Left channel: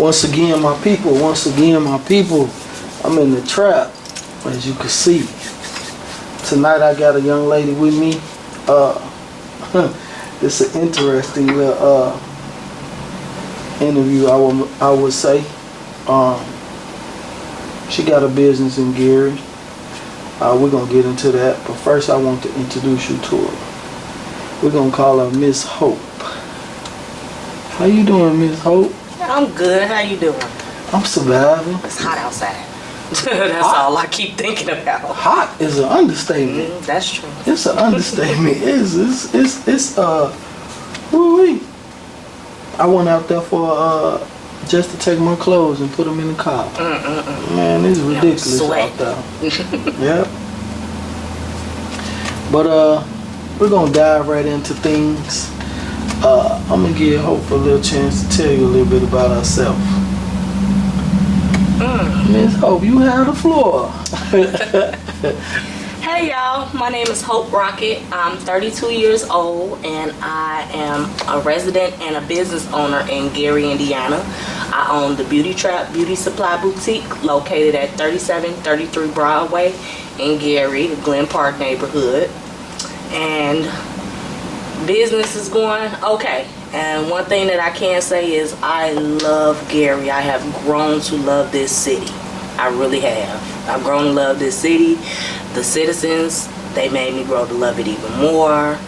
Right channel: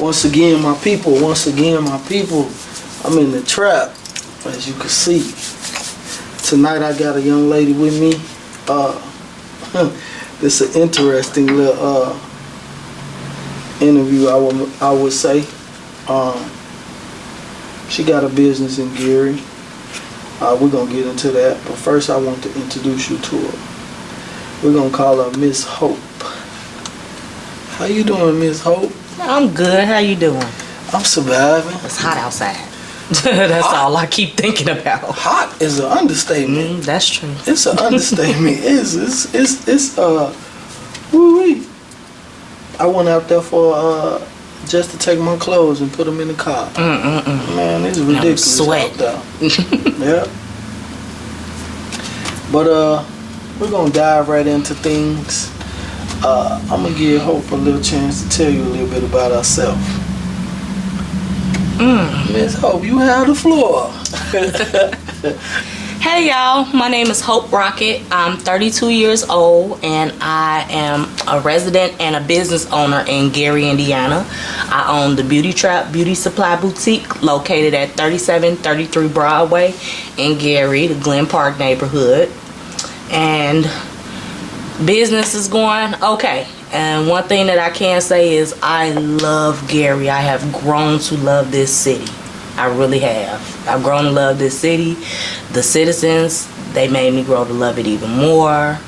Once again, my people, I'm in the trap, as you can see. Tonight I got a young lady with me. It's an interesting little interview, I would say. She got a business in Gary. We're gonna get into that, but first I want to introduce you to her. We're gonna call her Miss Hope. How you doing, Miss Hope? I'm good. How you doing? I'm surviving. It's hot outside. That's hot. All I keep thinking about. Hot is an understatement. That's true. It's an understatement. It's woo-wee. I went out there for just to take my clothes and put them in the car. Man, it's ridiculous out there. Yeah. But we're gonna dive right into things. I'm gonna give Hope a little chance to tell you a little bit about herself. Miss Hope, you have the floor. Hey y'all, my name is Hope Rockett. I'm 32 years old and I am a resident and a business owner in Gary, Indiana. I own the Trappe Beauty Supply Boutique located at 3733 Broadway in Gary, the Glen Park neighborhood. And business is going okay. And one thing that I can say is I love Gary. I have grown to love this city. I really have. I've grown to love this city. The citizens, they made me grow to love it even more.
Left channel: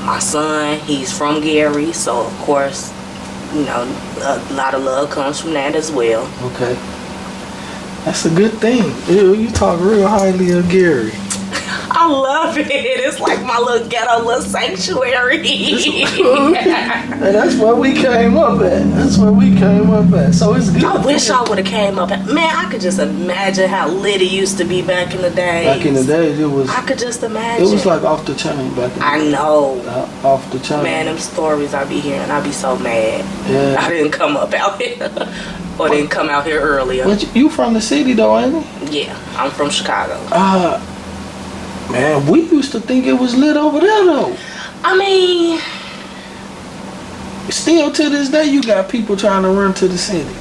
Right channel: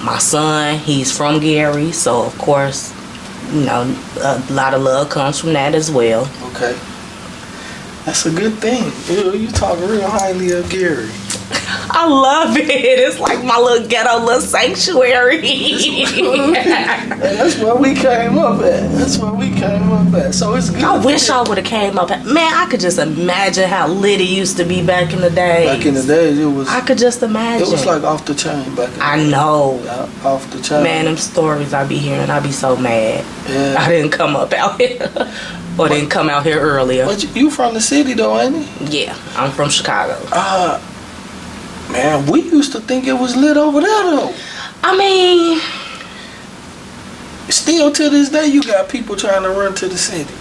My son, he's from Gary, so of course, you know, a lot of love comes from that as well. Okay. That's a good thing. You talk real highly of Gary. I love it. It's like my little ghetto, little sanctuary. And that's where we came up at. So it's good. I wish I would have came up at. Man, I could just imagine how lit it used to be back in the day. Back in the days, it was. I could just imagine. It was like off the chain back in the I day. know. Off the chain. Man, them stories I be hearing, I be so mad. Yeah. I didn't come up out here. Or didn't come out here earlier. But you from the city though, ain't you? Yeah, I'm from Chicago. Man, we used to think it was lit over there though. I mean, still to this day you got people trying to run to the city.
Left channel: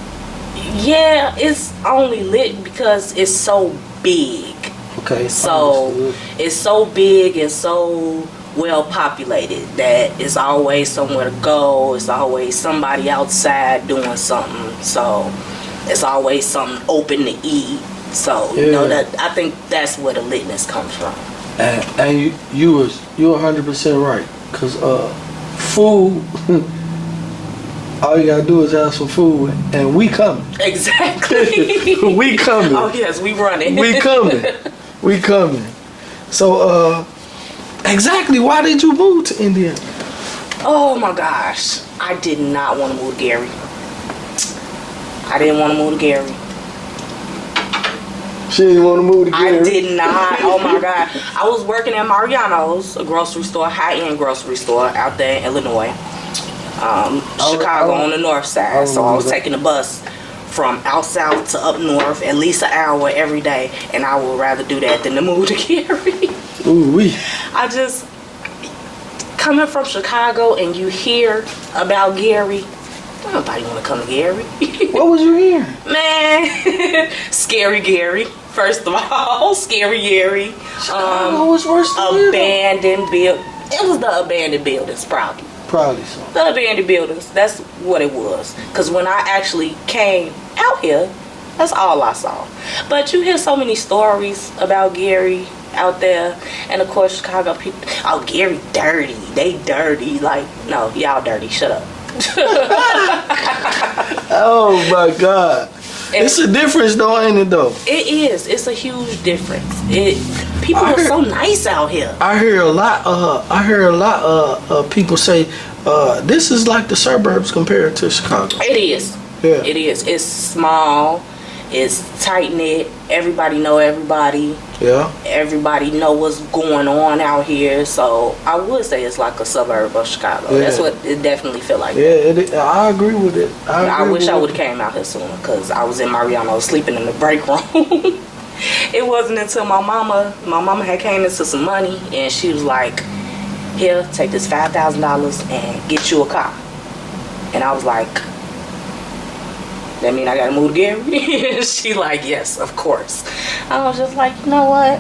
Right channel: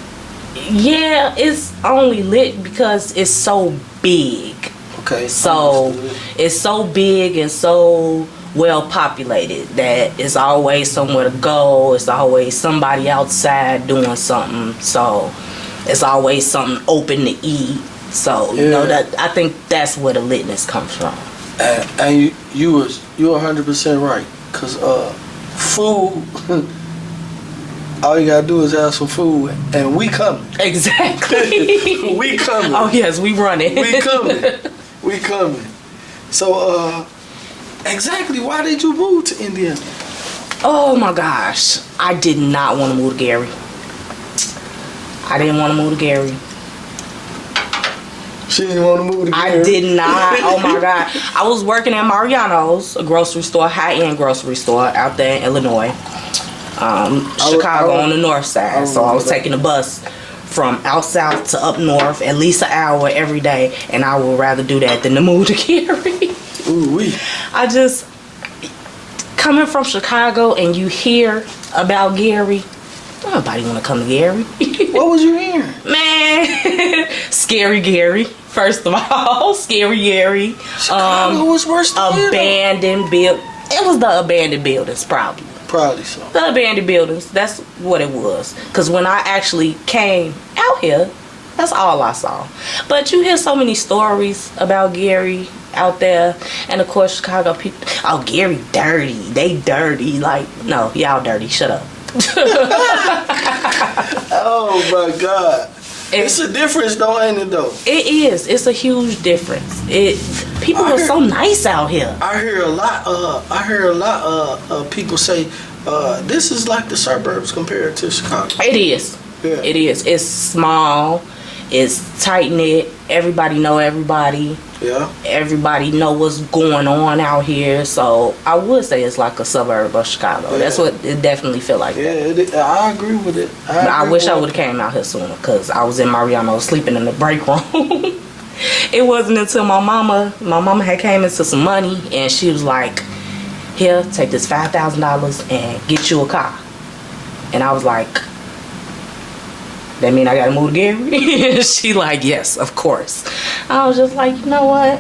Yeah, it's only lit because it's so big. Okay. So understood. it's so big and so well populated that it's always somewhere to go. It's always somebody outside doing something. So it's always something open to eat. So yeah. you know that I think that's where the litness comes from. And you're 100% right, cause food. All you gotta do is ask for food, and we coming. Exactly. We coming. Oh yes, we running. We coming. So exactly, why did you move to Indiana? Oh my gosh, I did not want to move to Gary. I didn't want to move to Gary. She didn't want to move to Gary. I did not. Oh my God. I was working at Mariano's, a grocery store, high-end grocery store out there in Illinois. Chicago on the north side. So I was taking a bus from out south to up north, at least an hour every day. And I would rather do that than to move to Gary. Ooh-wee. I just, coming from Chicago and you hear about Gary, nobody want to come to Gary. What was you hearing? Man, scary Gary. First of all, scary Gary. Chicago was worse than abandoned build. It was the abandoned buildings, probably. Probably so. The abandoned buildings. That's what it was. Because when I actually came out here, that's all I saw. But you hear so many stories about Gary out there, and of course Chicago people. Oh, Gary dirty. They dirty. Like, no, y'all dirty. Shut up. Oh my God. It's a difference though, ain't it though? It is. It's a huge difference. People are so nice out here. I hear a lot of people say this is like the suburbs compared to Chicago. It is. Yeah. It is. It's small. It's tight knit. Everybody know everybody. Yeah. Everybody know what's going on out here. So I would say it's like a suburb of Chicago. Yeah. That's what it definitely feel like. Yeah, I agree with it. I wish I would have came out here sooner because I was in Mariano sleeping in the break room. It wasn't until my mama had came into some money and she was like, here, take this $5,000 and get you a car. And I was like, That mean I gotta move to Gary? She like, yes, of course. I was just like, you know what?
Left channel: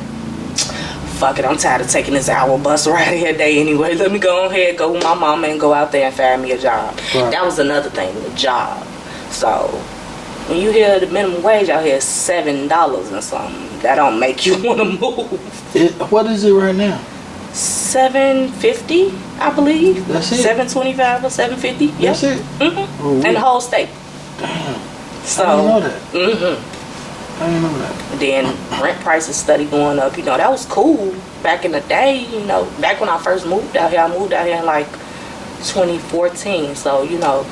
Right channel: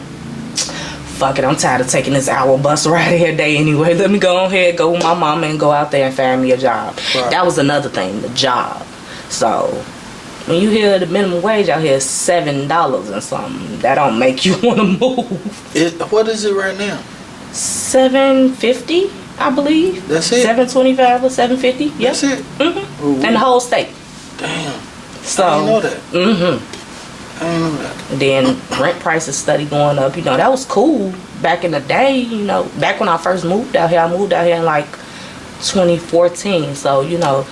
Fuck it, I'm tired of taking this hour bus ride here day anyway. Let me go ahead, go with my mama and go out there and find me a job. Right. That was another thing, the job. So when you hear the minimum wage out here is $7 and something, that don't make you want to move. What is it right now? $7.50, I believe. That's it. $7.25 or $7.50. Yep. That's it. Mm-hmm. In the whole state. Damn. So. I didn't know that. Mm-hmm. I didn't know that. Then rent prices study going up. You know, that was cool back in the day. You know, back when I first moved out here, I moved out here in like 2014. So you know.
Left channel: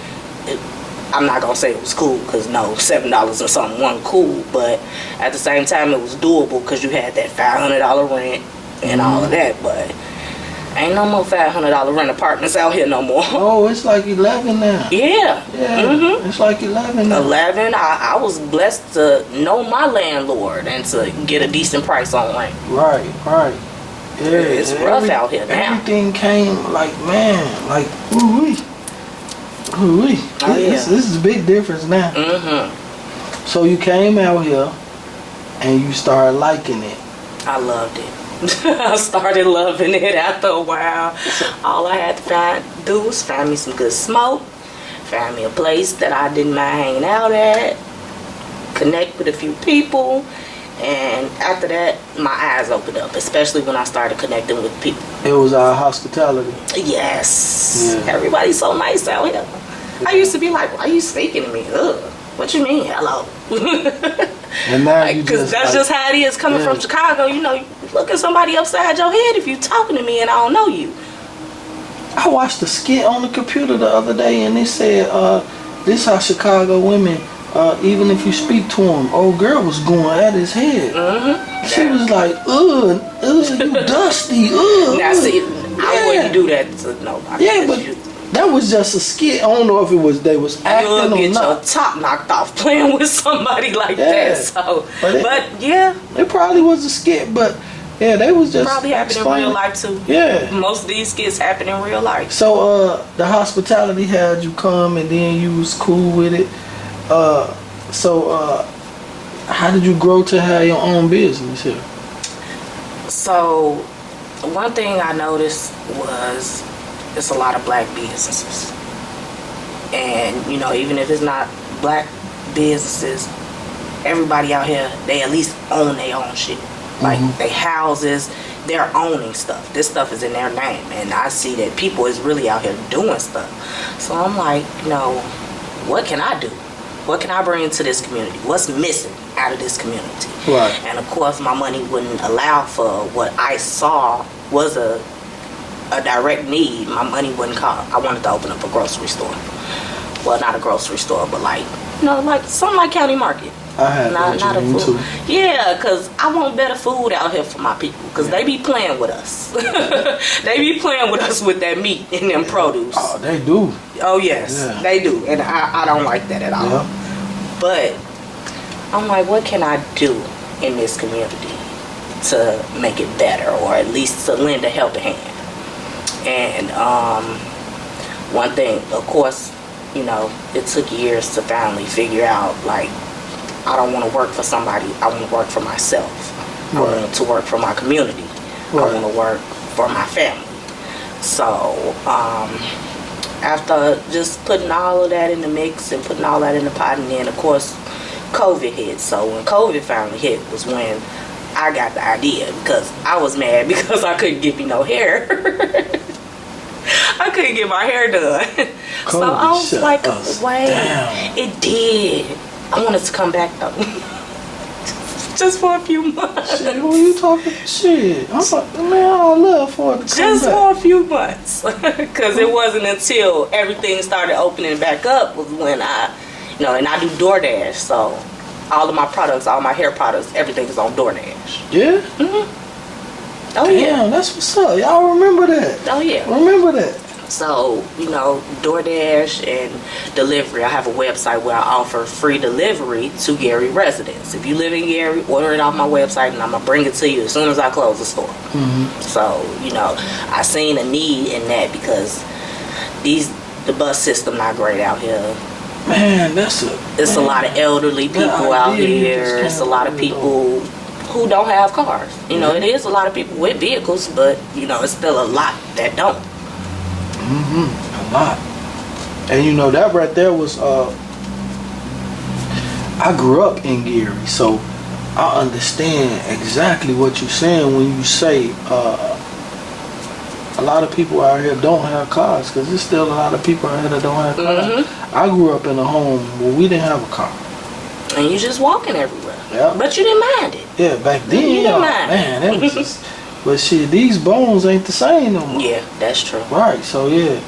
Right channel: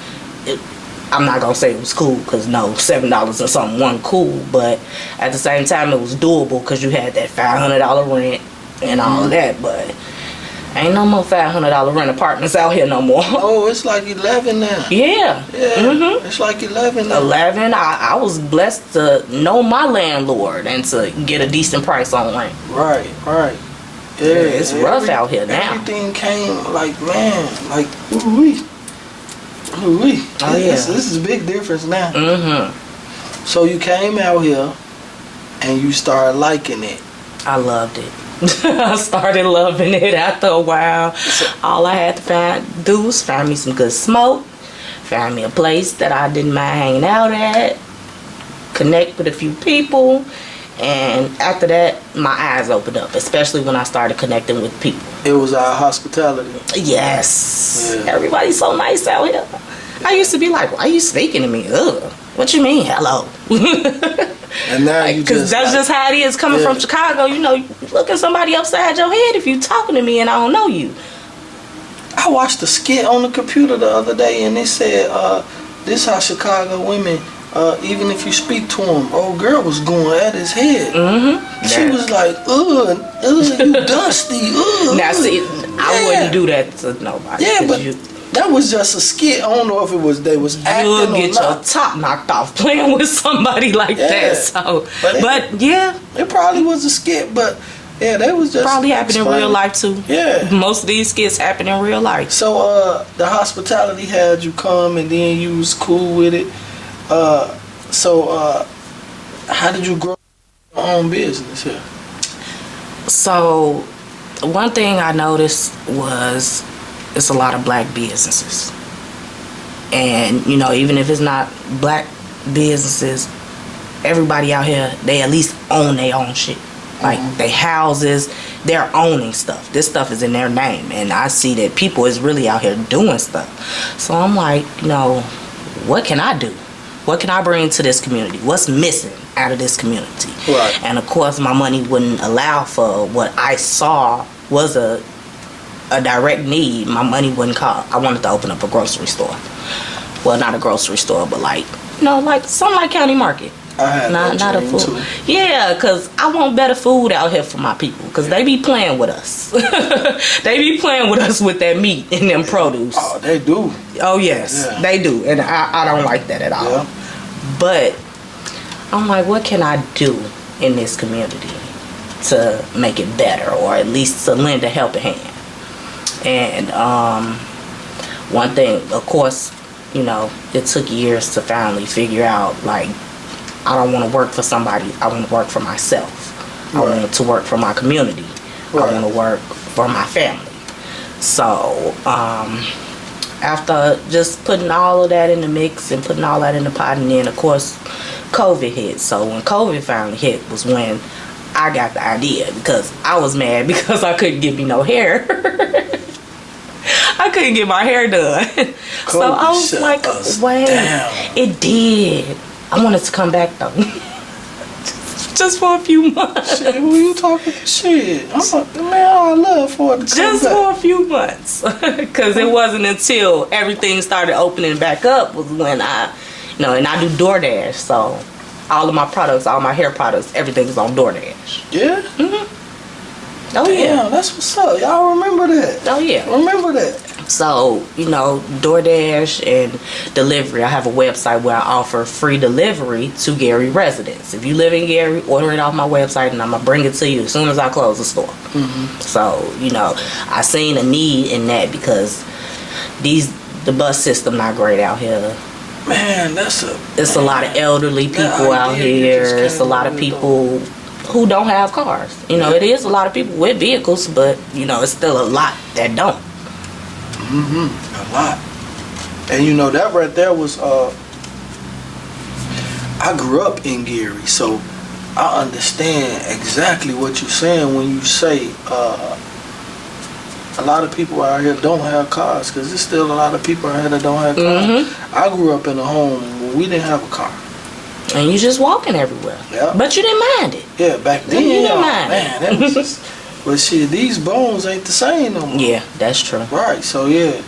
I'm not gonna say it was cool because no, $7 and something wasn't cool, but at the same time it was doable because you had that $500 rent and all of that. But ain't no more $500 rent apartments out here no more. Oh, it's like 11 now. Yeah. Yeah. It's like 11 now. 11. I was blessed to know my landlord and to get a decent price on rent. Right. Yeah, it's rough out here now. Everything came like, man, like ooh-wee. Oh, yeah. This is a big difference now. Mm-hmm. So you came out here and you started liking it. I loved it. I started loving it after a while. All I had to do was find me some good smoke, find me a place that I didn't mind hanging out at, connect with a few people, and after that, my eyes opened up, especially when I started connecting with people. It was our hospitality. Yes. Yeah. Everybody's so nice out here. Yeah. I used to be like, why are you speaking to me? Ugh. What you mean, hello? And now you because that's just how it is coming from Chicago. You know, you look at somebody upside your head if you talking to me and I don't know you. I watched a skit on the computer the other day and it said, this how Chicago women, even if you speak to him, old girl was going at his head. Mm-hmm. She was like, ugh, you dusty, ugh. Now see, I wouldn't do that to nobody. Yeah, but that was just a skit. I don't know if it was they was acting or not. You'll get your top knocked off playing with somebody like that. So, but yeah, it probably was a skit, but yeah, they was just probably happened in real life too. Yeah, most of these skits happen in real life. So, the hospitality had you come, and then you was cool with it. So, how did you grow to have your own business here? So, one thing I noticed was it's a lot of black businesses. And, you know, even if it's not black businesses, everybody out here, they at least own their own shit. Like, they houses, they're owning stuff. This stuff is in their name. And I see that people is really out here doing stuff. So I'm like, you know, what can I do? What can I bring to this community? What's missing out of this community? Right. And of course, my money wouldn't allow for what I saw was a direct need. My money wouldn't call. I wanted to open up a grocery store. Well, not a grocery store, but like, you know, like something like County Market. I had not a food. Too. Yeah, because I want better food out here for my people. Because they be playing with us. They be playing with us with that meat and them produce. Oh, they do. Oh, yes, they do. And I don't like that at all. Yeah. But I'm like, what can I do in this community to make it better, or at least to lend a helping hand? And one thing, of course, you know, it took years to finally figure out, like, I don't want to work for somebody. I want to work for myself. Right. I want to work for my community. Right. I want to work for my family. So, after just putting all of that in the mix and putting all that in the pot, and then, of course, COVID hit. So when COVID finally hit was when I got the idea, because I was mad because I couldn't get me no hair. I couldn't get my hair done. So I was like, wait, it did. I wanted to come back though. Just for a few months. Shit, when you talking shit, I'm like, man, I love for it to just for a few months. Because it wasn't until everything started opening back up was when I, you know, and I do DoorDash. So all of my products, all my hair products, everything is on DoorDash. Yeah? Mm-hmm. Oh, damn, yeah. That's what's up. Y'all remember that? Oh, yeah. Remember that. So, you know, DoorDash and delivery. I have a website where I offer free delivery to Gary residents. If you live in Gary, order it off my website and I'm going to bring it to you as soon as I close the store. Mm-hmm. So, you know, I seen a need in that because the bus system not great out here. Man, it's a lot of elderly people out here. It's a lot of people who don't have cars. You know, it is a lot of people with vehicles, but you know, it's still a lot that don't. A lot. And you know, that right there was I grew up in Gary, so I understand exactly what you're saying when you say a lot of people out here don't have cars, because there's still a lot of people out here that don't have cars. I grew up in a home where we didn't have a car. And you just walking everywhere. Yeah. But you didn't mind it. Yeah, back then, you didn't mind. Man, that was just... But shit, these bones ain't the same no more. Yeah, that's true. Right, so yeah.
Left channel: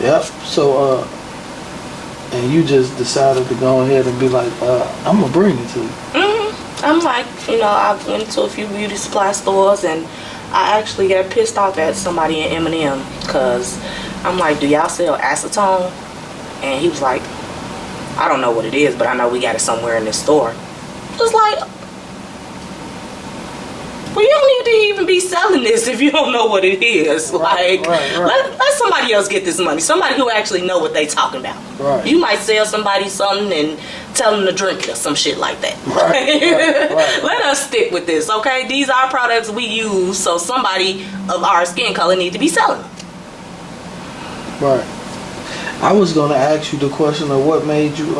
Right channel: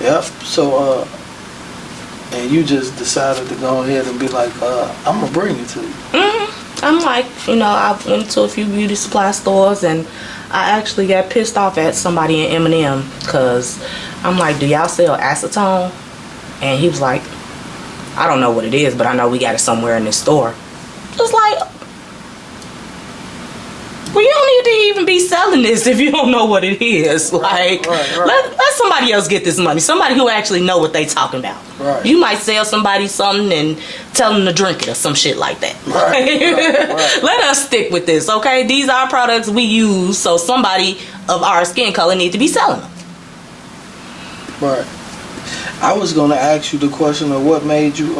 Yep, so, and you just decided to go ahead and be like, I'm going to bring it to you. I'm like, you know, I went to a few beauty supply stores and I actually got pissed off at somebody in M&M because I'm like, do y'all sell acetone? And he was like, I don't know what it is, but I know we got it somewhere in this store. It's like, well, you don't need to even be selling this if you don't know what it is. Like, let somebody else get this money. Somebody who actually know what they talking about. Right. You might sell somebody something and tell them to drink it or some shit like that. Right. Let us stick with this, okay? These are products we use, so somebody of our skin color need to be selling them. Right. I was going to ask you the question of what made you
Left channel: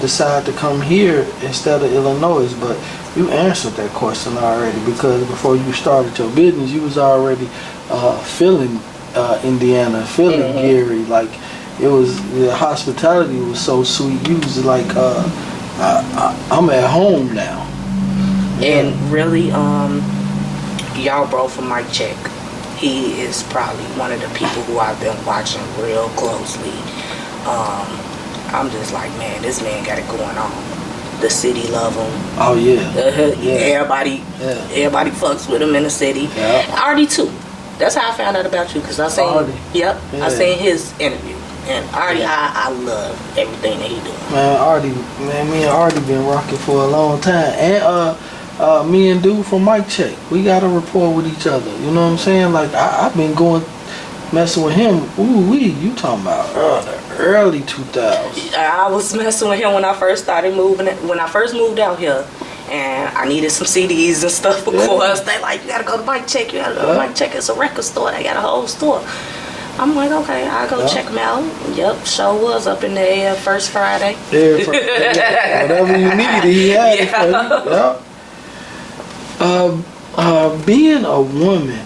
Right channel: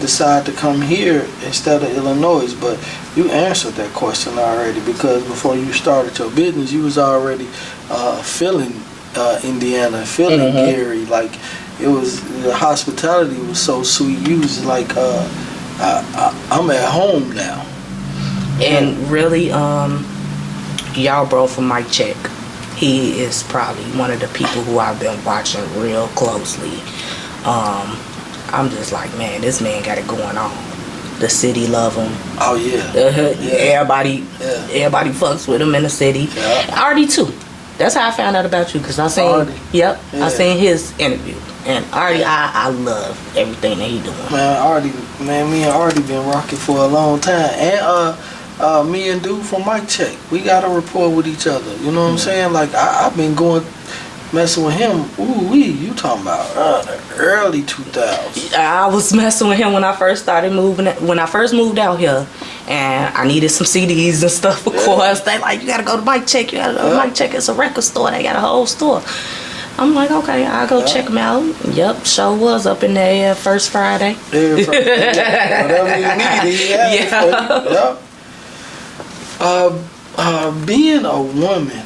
decide to come here instead of Illinois, but you answered that question already, because before you started your business, you was already feeling Indiana, feeling Gary. Like, it was, the hospitality was so sweet. You was like, I'm at home now. And really, y'all bro from Mike Check, he is probably one of the people who I've been watching real closely. I'm just like, man, this man got it going on. The city love him. Oh yeah. Everybody fucks with him in the city. Yeah. Artie too. That's how I found out about you, because I seen. Artie. Yep. Yeah. I seen his interview, and Artie, I love everything that he doing. Man, me and Artie been rocking for a long time, and me and dude from Mike Check, we got a rapport with each other. You know what I'm saying? Like I've been messing with him. You talking about early 2000s? I was messing with him when I first started moving. When I first moved out here, and I needed some CDs and stuff for us. They like, you gotta go to Mike Check. You gotta go to Mike Check. It's a record store. They got a whole store. I'm like, okay, I'll go check them out. Yep, show was up in there first Friday. Yeah, whatever you needed, he had it for you. Yep. Being a woman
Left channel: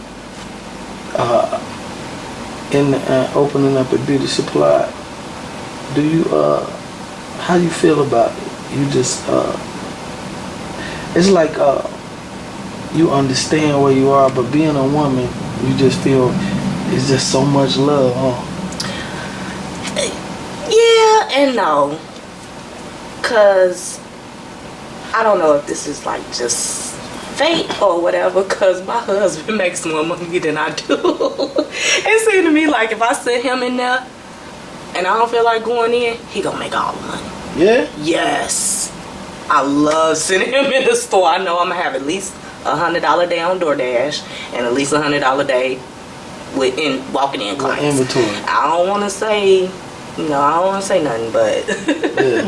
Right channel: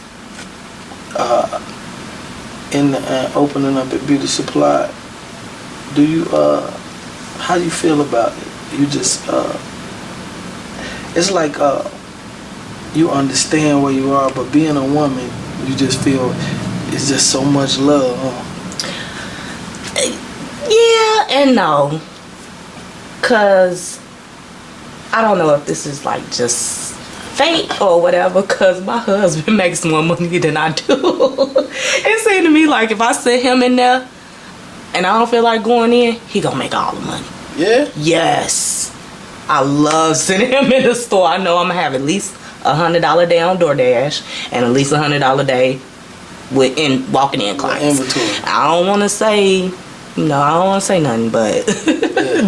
in opening up a beauty supply, do you how do you feel about it? You just it's like you understand where you are, but being a woman, you just feel it's just so much love, huh? Yeah and no, cause I don't know if this is like just fate or whatever, cause my husband makes more money than I do. It seemed to me like if I sit him in there and I don't feel like going in, he gonna make all the money. Yeah? Yes. I love sitting him in the store. I know I'm gonna have at least $100 a day on DoorDash and at least $100 a day with walking in clients. Inventory. I don't want to say, I don't want to say nothing, but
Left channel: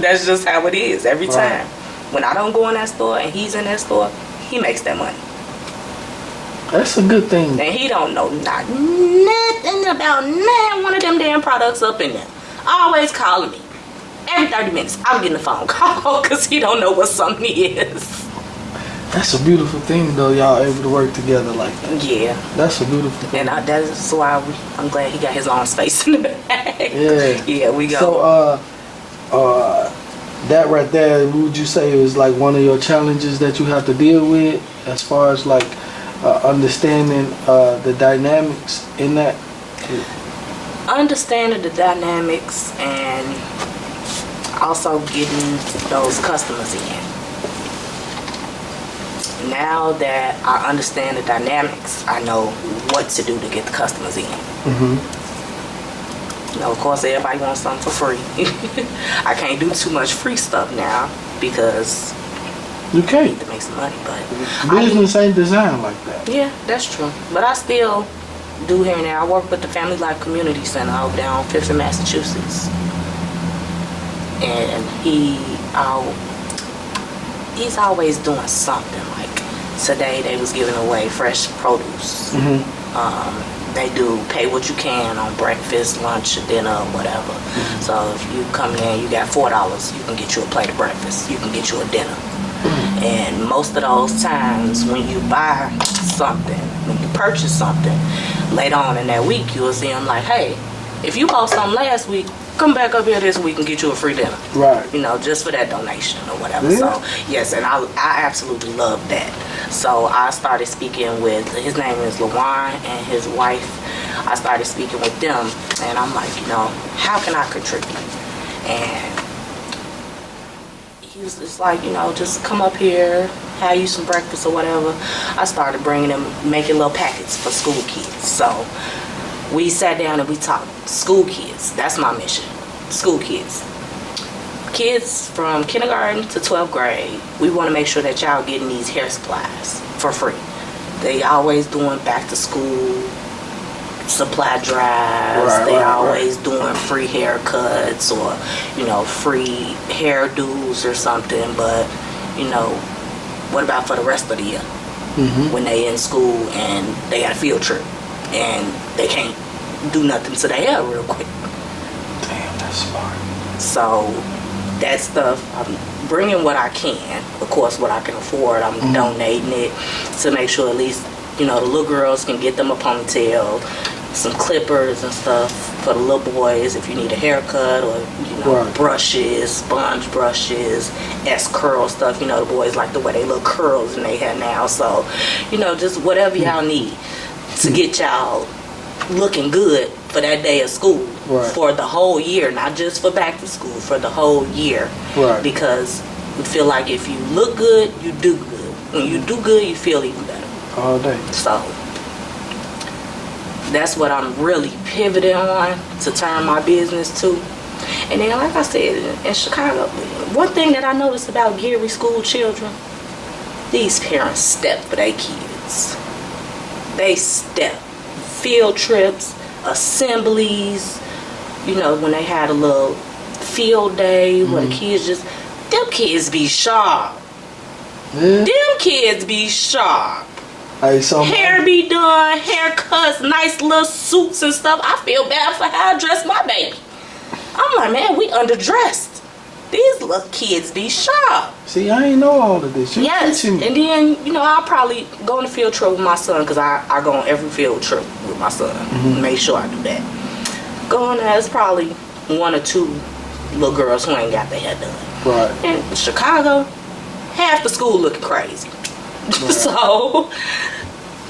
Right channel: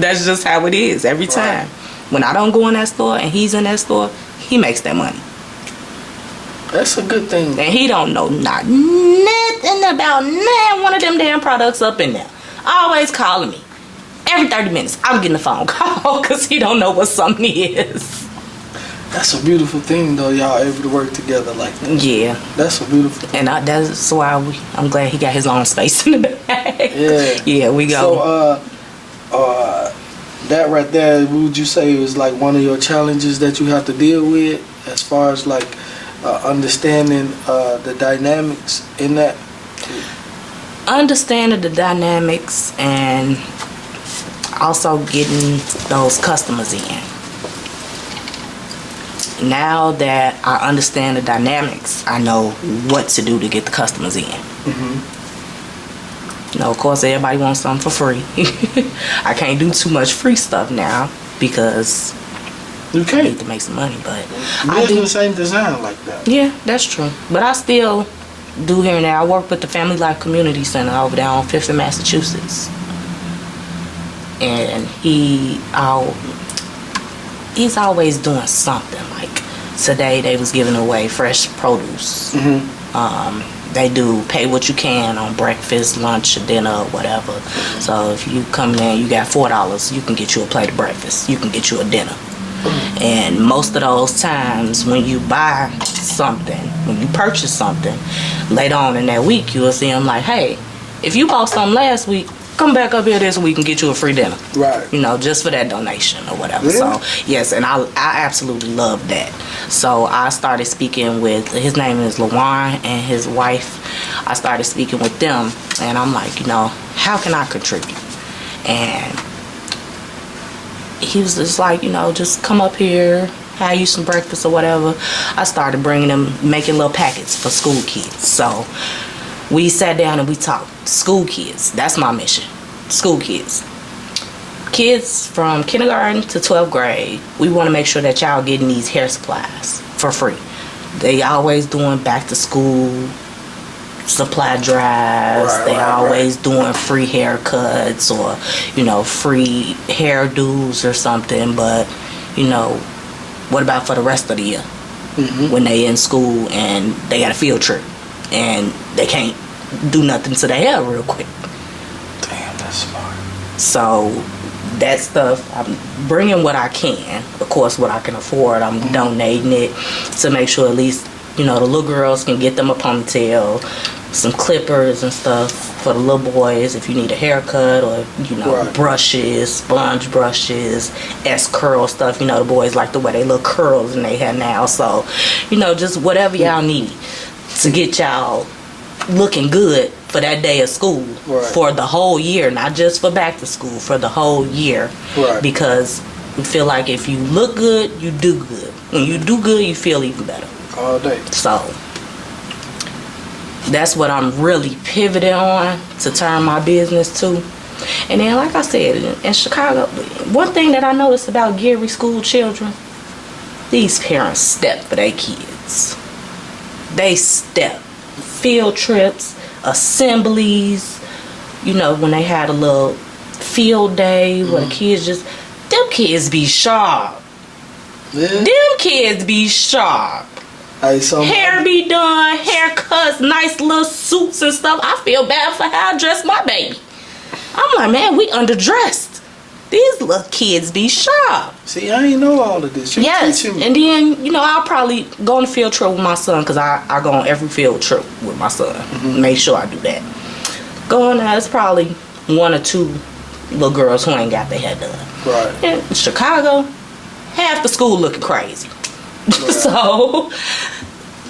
that's just how it is every time. When I don't go in that store and he's in that store, he makes that money. That's a good thing. And he don't know nothing about one of them damn products up in there. Always calling me. Every 30 minutes, I'm getting a phone call because he don't know what something is. That's a beautiful thing, though, y'all able to work together like that. Yeah. That's a beautiful thing. And that's why I'm glad he got his own space in the back. Yeah. Yeah, we go. So, that right there, would you say is like one of your challenges that you have to deal with as far as like understanding the dynamics in that? Understanding the dynamics and also getting those customers in. Now that I understand the dynamics, I know what to do to get the customers in. Of course, everybody wants something for free. I can't do too much free stuff now because you can't. I need to make some money, but business ain't designed like that. Yeah, that's true. But I still do here and there. I work with the Family Life Community Center over there on 5th in Massachusetts. and he's always doing something. Like today, they was giving away fresh produce. They do pay what you can on breakfast, lunch, or dinner, or whatever. So if you come in, you got $4, you can get you a plate of breakfast. You can get you a dinner. And most of those times when you buy something, when you purchase something, later on in that week, you'll see them like, hey, if you bought something last week, come back up here this week and get you a free dinner. Right. You know, just for that donation or whatever. Yeah. So, yes, and I absolutely love that. So, I started speaking with, his name is Lawan and his wife. I started speaking with them, and I'm like, you know, how can I contribute? And he was just like, you know, just come up here, have you some breakfast or whatever. I started bringing them, making little packets for school kids. So, we sat down and we talked. School kids, that's my mission. School kids. Kids from kindergarten to 12th grade, we want to make sure that y'all getting these hair supplies for free. They always doing back to school supply drives. They always doing free haircuts or, you know, free hairdos or something. But, you know, what about for the rest of the year? When they in school and they got a field trip and they can't do nothing to their hair real quick. Damn, that's smart. So that stuff, I'm bringing what I can. Of course, what I can afford, I'm donating it to make sure at least, you know, the little girls can get them a ponytail, some clippers and stuff for the little boys if you need a haircut, or, you know, brushes, sponge brushes, S-curl stuff. You know, the boys like the way they look curls in their hair now. So, you know, just whatever y'all need to get y'all looking good for that day of school, for the whole year, not just for back to school, for the whole year. Because we feel like if you look good, you do good. When you do good, you feel even better. All day. So that's what I'm really pivoting on to turn my business to. And then, like I said, in Chicago, one thing that I noticed about Gary school children, these parents step for their kids. They step. Field trips, assemblies, you know, when they had a little field day where the kids just, them kids be sharp. Them kids be sharp. Hair be done, haircuts, nice little suits and stuff. I feel bad for how I dress my baby. I'm like, man, we underdressed. These little kids be sharp. See, I ain't know all of this. Yes, and then, you know, I'll probably go on a field trip with my son, because I go on every field trip with my son. Make sure I do that. Go on there, it's probably one or two little girls who ain't got their hair done. Right. In Chicago, half the school looking crazy. So,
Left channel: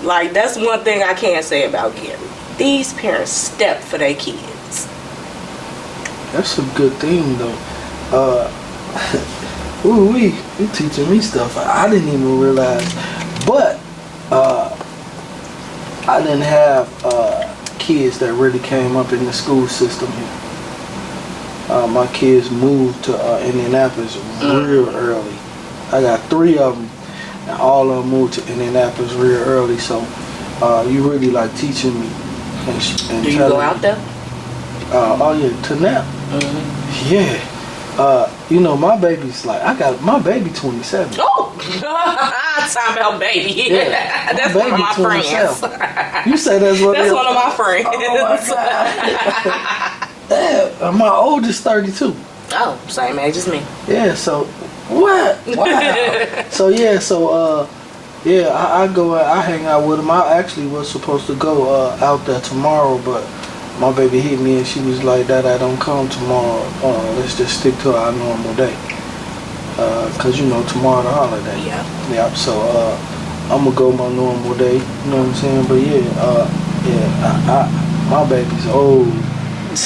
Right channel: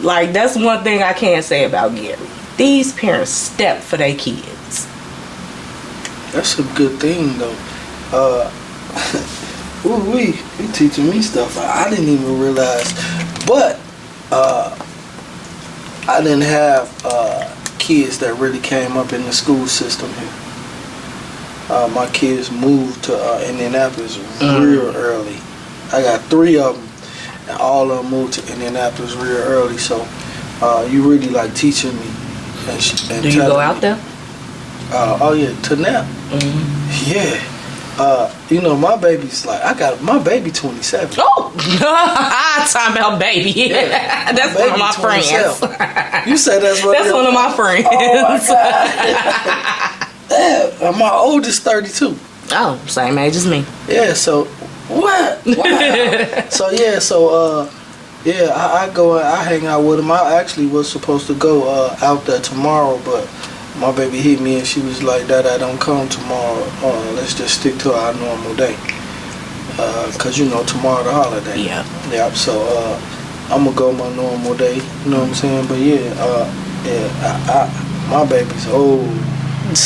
like, that's one thing I can say about Gary. These parents step for their kids. That's a good thing, though. You teaching me stuff I didn't even realize. But I didn't have kids that really came up in the school system here. My kids moved to Indianapolis real early. I got 3 of them, and all of them moved to Indianapolis real early. So you really like teaching me. And do you go out there? Oh yeah, to now. Yeah. You know, my baby's like, my baby 27. Oh, talking about baby. Yeah, that's one of my friends. You said that's one. That's one of my friends. Oh my God. My oldest 32. Oh, same age as me. Yeah. So what? Wow. I go. I hang out with him. I actually was supposed to go out there tomorrow, but my baby hit me and she was like, "Dad, I don't come tomorrow. Let's just stick to our normal day. Cause you know tomorrow the holiday." Yeah. Yeah. So I'm gonna go my normal day. You know what I'm saying? But my baby's old. You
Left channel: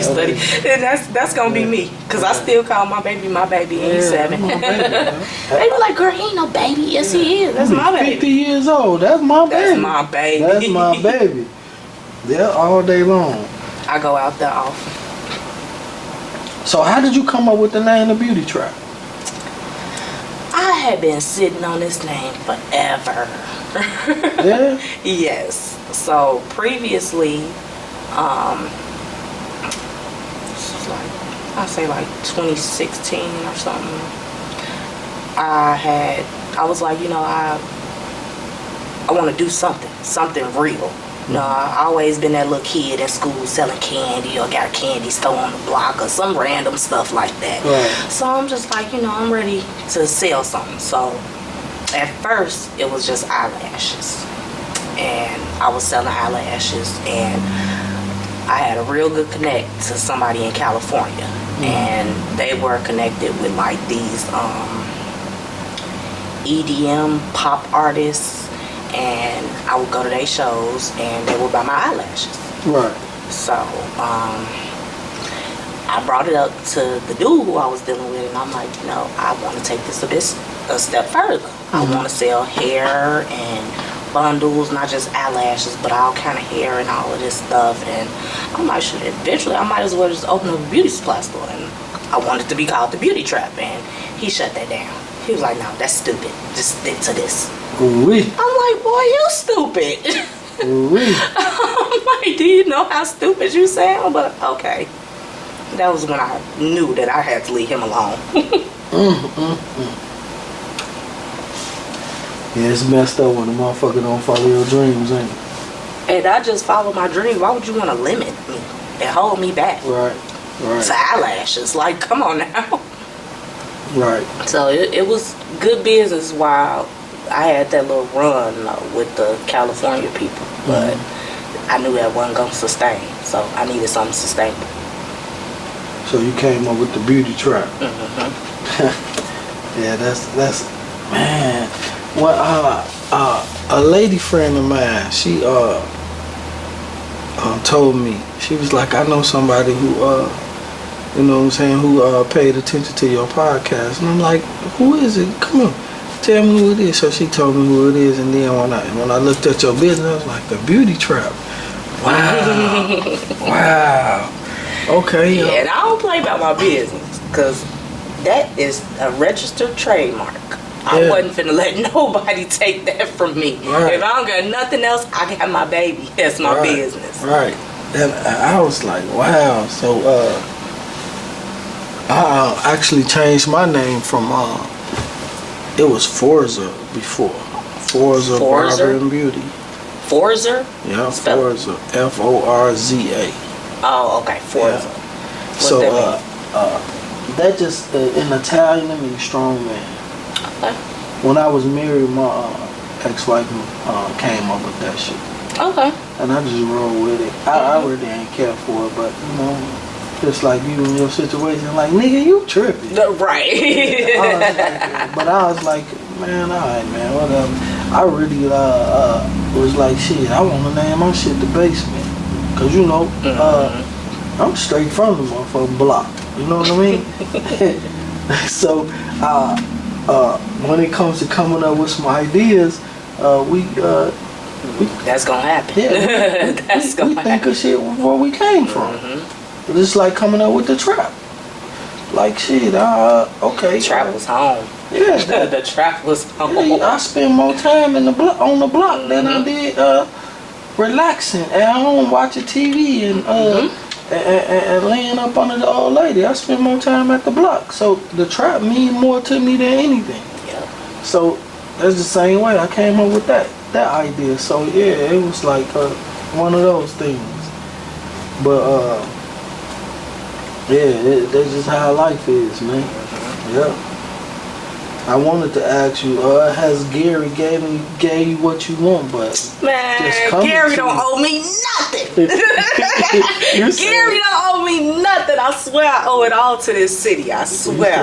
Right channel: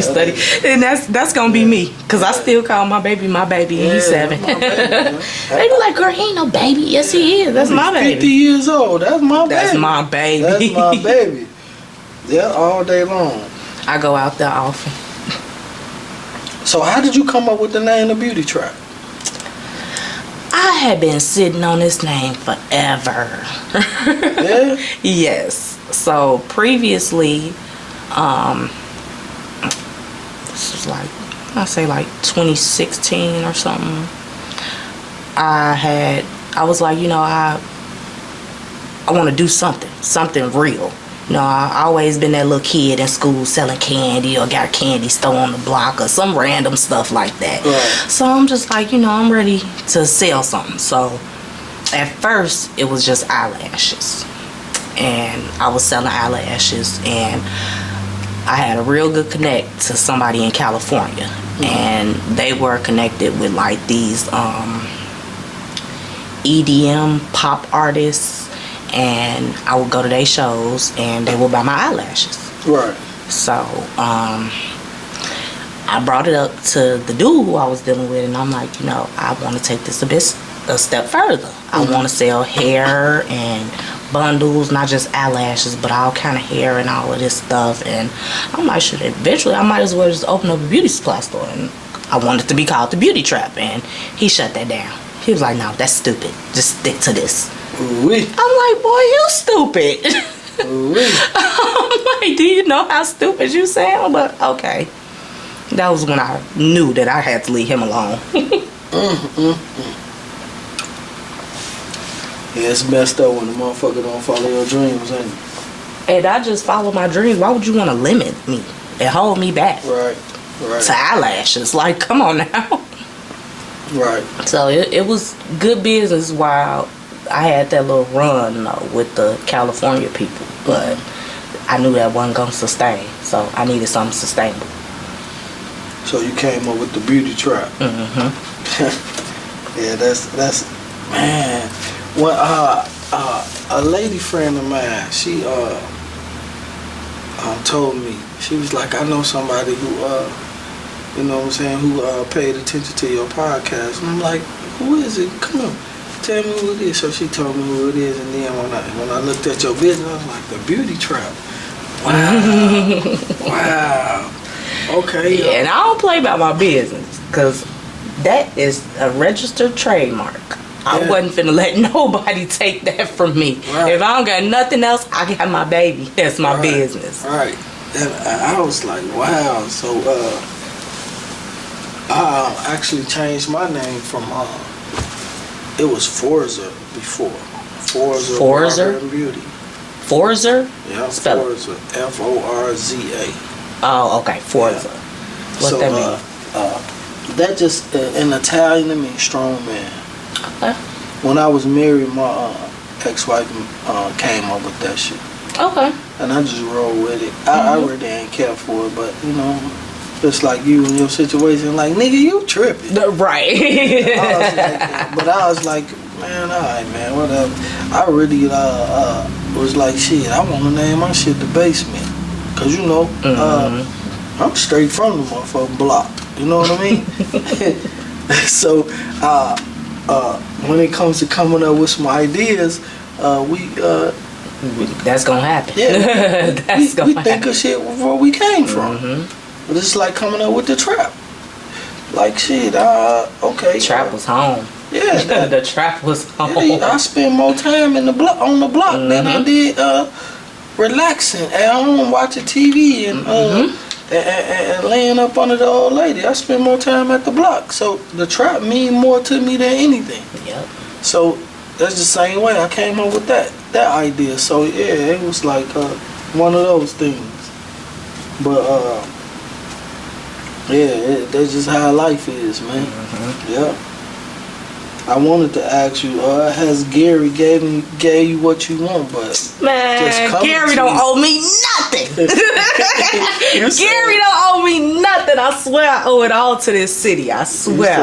study, and that's gonna be me, cause I still call my baby, and he's 7. They be like, "Girl, he ain't no baby." Yes, he is. That's my baby. 50 years old. That's my baby. That's my baby. That's my baby. Yeah, all day long. I go out there often. So how did you come up with the name of Beauty Trappe? I had been sitting on this name forever. Yeah? Yes. So previously, this was like I say like 2016 or something, I was like, I want to do something real. I always been that little kid in school selling candy or got a candy store on the block or some random stuff like that. Right. So I'm just like, I'm ready to sell something. So at first it was just eyelashes, and I was selling eyelashes, and I had a real good connect to somebody in California, and they were connected with like these EDM pop artists, and I would go to their shows and they would buy my eyelashes. Right. So I brought it up to the dude who I was dealing with, and I'm like, I want to take this a step further. I want to sell hair and bundles, not just eyelashes, but all kind of hair and all of this stuff. And I'm like, shit, eventually I might as well just open up a beauty supply store. And I wanted to be called the Beauty Trappe, and he shut that down. He was like, no, that's stupid. Just stick to this. Ooh-wee. I'm like, boy, you stupid. Ooh-wee. I'm like, do you know how stupid you sound? But okay. That was when I knew that I had to leave him alone. Yeah, it's messed up when a motherfucker don't follow your dreams, ain't it? And I just follow my dreams. Why would you want to limit me and hold me back? Right. To eyelashes. Like, come on now. Right. So it was good business while I had that little run with the California people. But I knew that wasn't going to sustain. So I needed something sustainable. So you came up with the Beauty Trappe. Yeah, that's man. Well, a lady friend of mine, she told me, she was like, I know somebody who you know what I'm saying, who paid attention to your podcast. And I'm like, who is it? Come on, tell me who it is. So she told me who it is, and then when I looked at your business, I was like, the Beauty Trappe. Wow. Wow. Okay. Yeah, and I don't play about my business, because that is a registered trademark. I wasn't finna let nobody take that from me. Right. If I don't got nothing else, I got my baby. That's my business. Right. And I was like, wow. So I actually changed my name from it was Forza before. Forza Barber and Beauty. Forza? Yeah, Spell Forza. Forza. Oh, okay. Forza. Yeah. What's So that mean? that just in Italian it means strong man. Okay. When I was married, my ex-wife came up with that shit. Okay. And I just roll with it. I really ain't care for it, but just like you in your situation, like, nigga, you tripping. Right. But I was like, man, alright, man, whatever. I really was like, shit, I want to name my shit The Basement. Because, I'm straight from the motherfucking block. You know what I mean? So, when it comes to coming up with some ideas, that's gonna happen. Yeah, That's gonna we think of shit where we came from. But it's like coming up with the Trappe. Like shit, okay. Trappe was home. Yeah, the Trappe was home. Yeah, I spend more time on the block than I did relaxing at home watching TV and laying up under the old lady. I spend more time at the block. So the Trappe mean more to me than anything. Yeah. So that's the same way I came up with that idea. So yeah, it was like one of those things. But yeah, that's just how life is, man. Yeah. I wanted to ask you, has Gary gave you what you want, but man, Gary don't owe me nothing. Gary don't owe me nothing. I swear I owe it all to this city. I swear.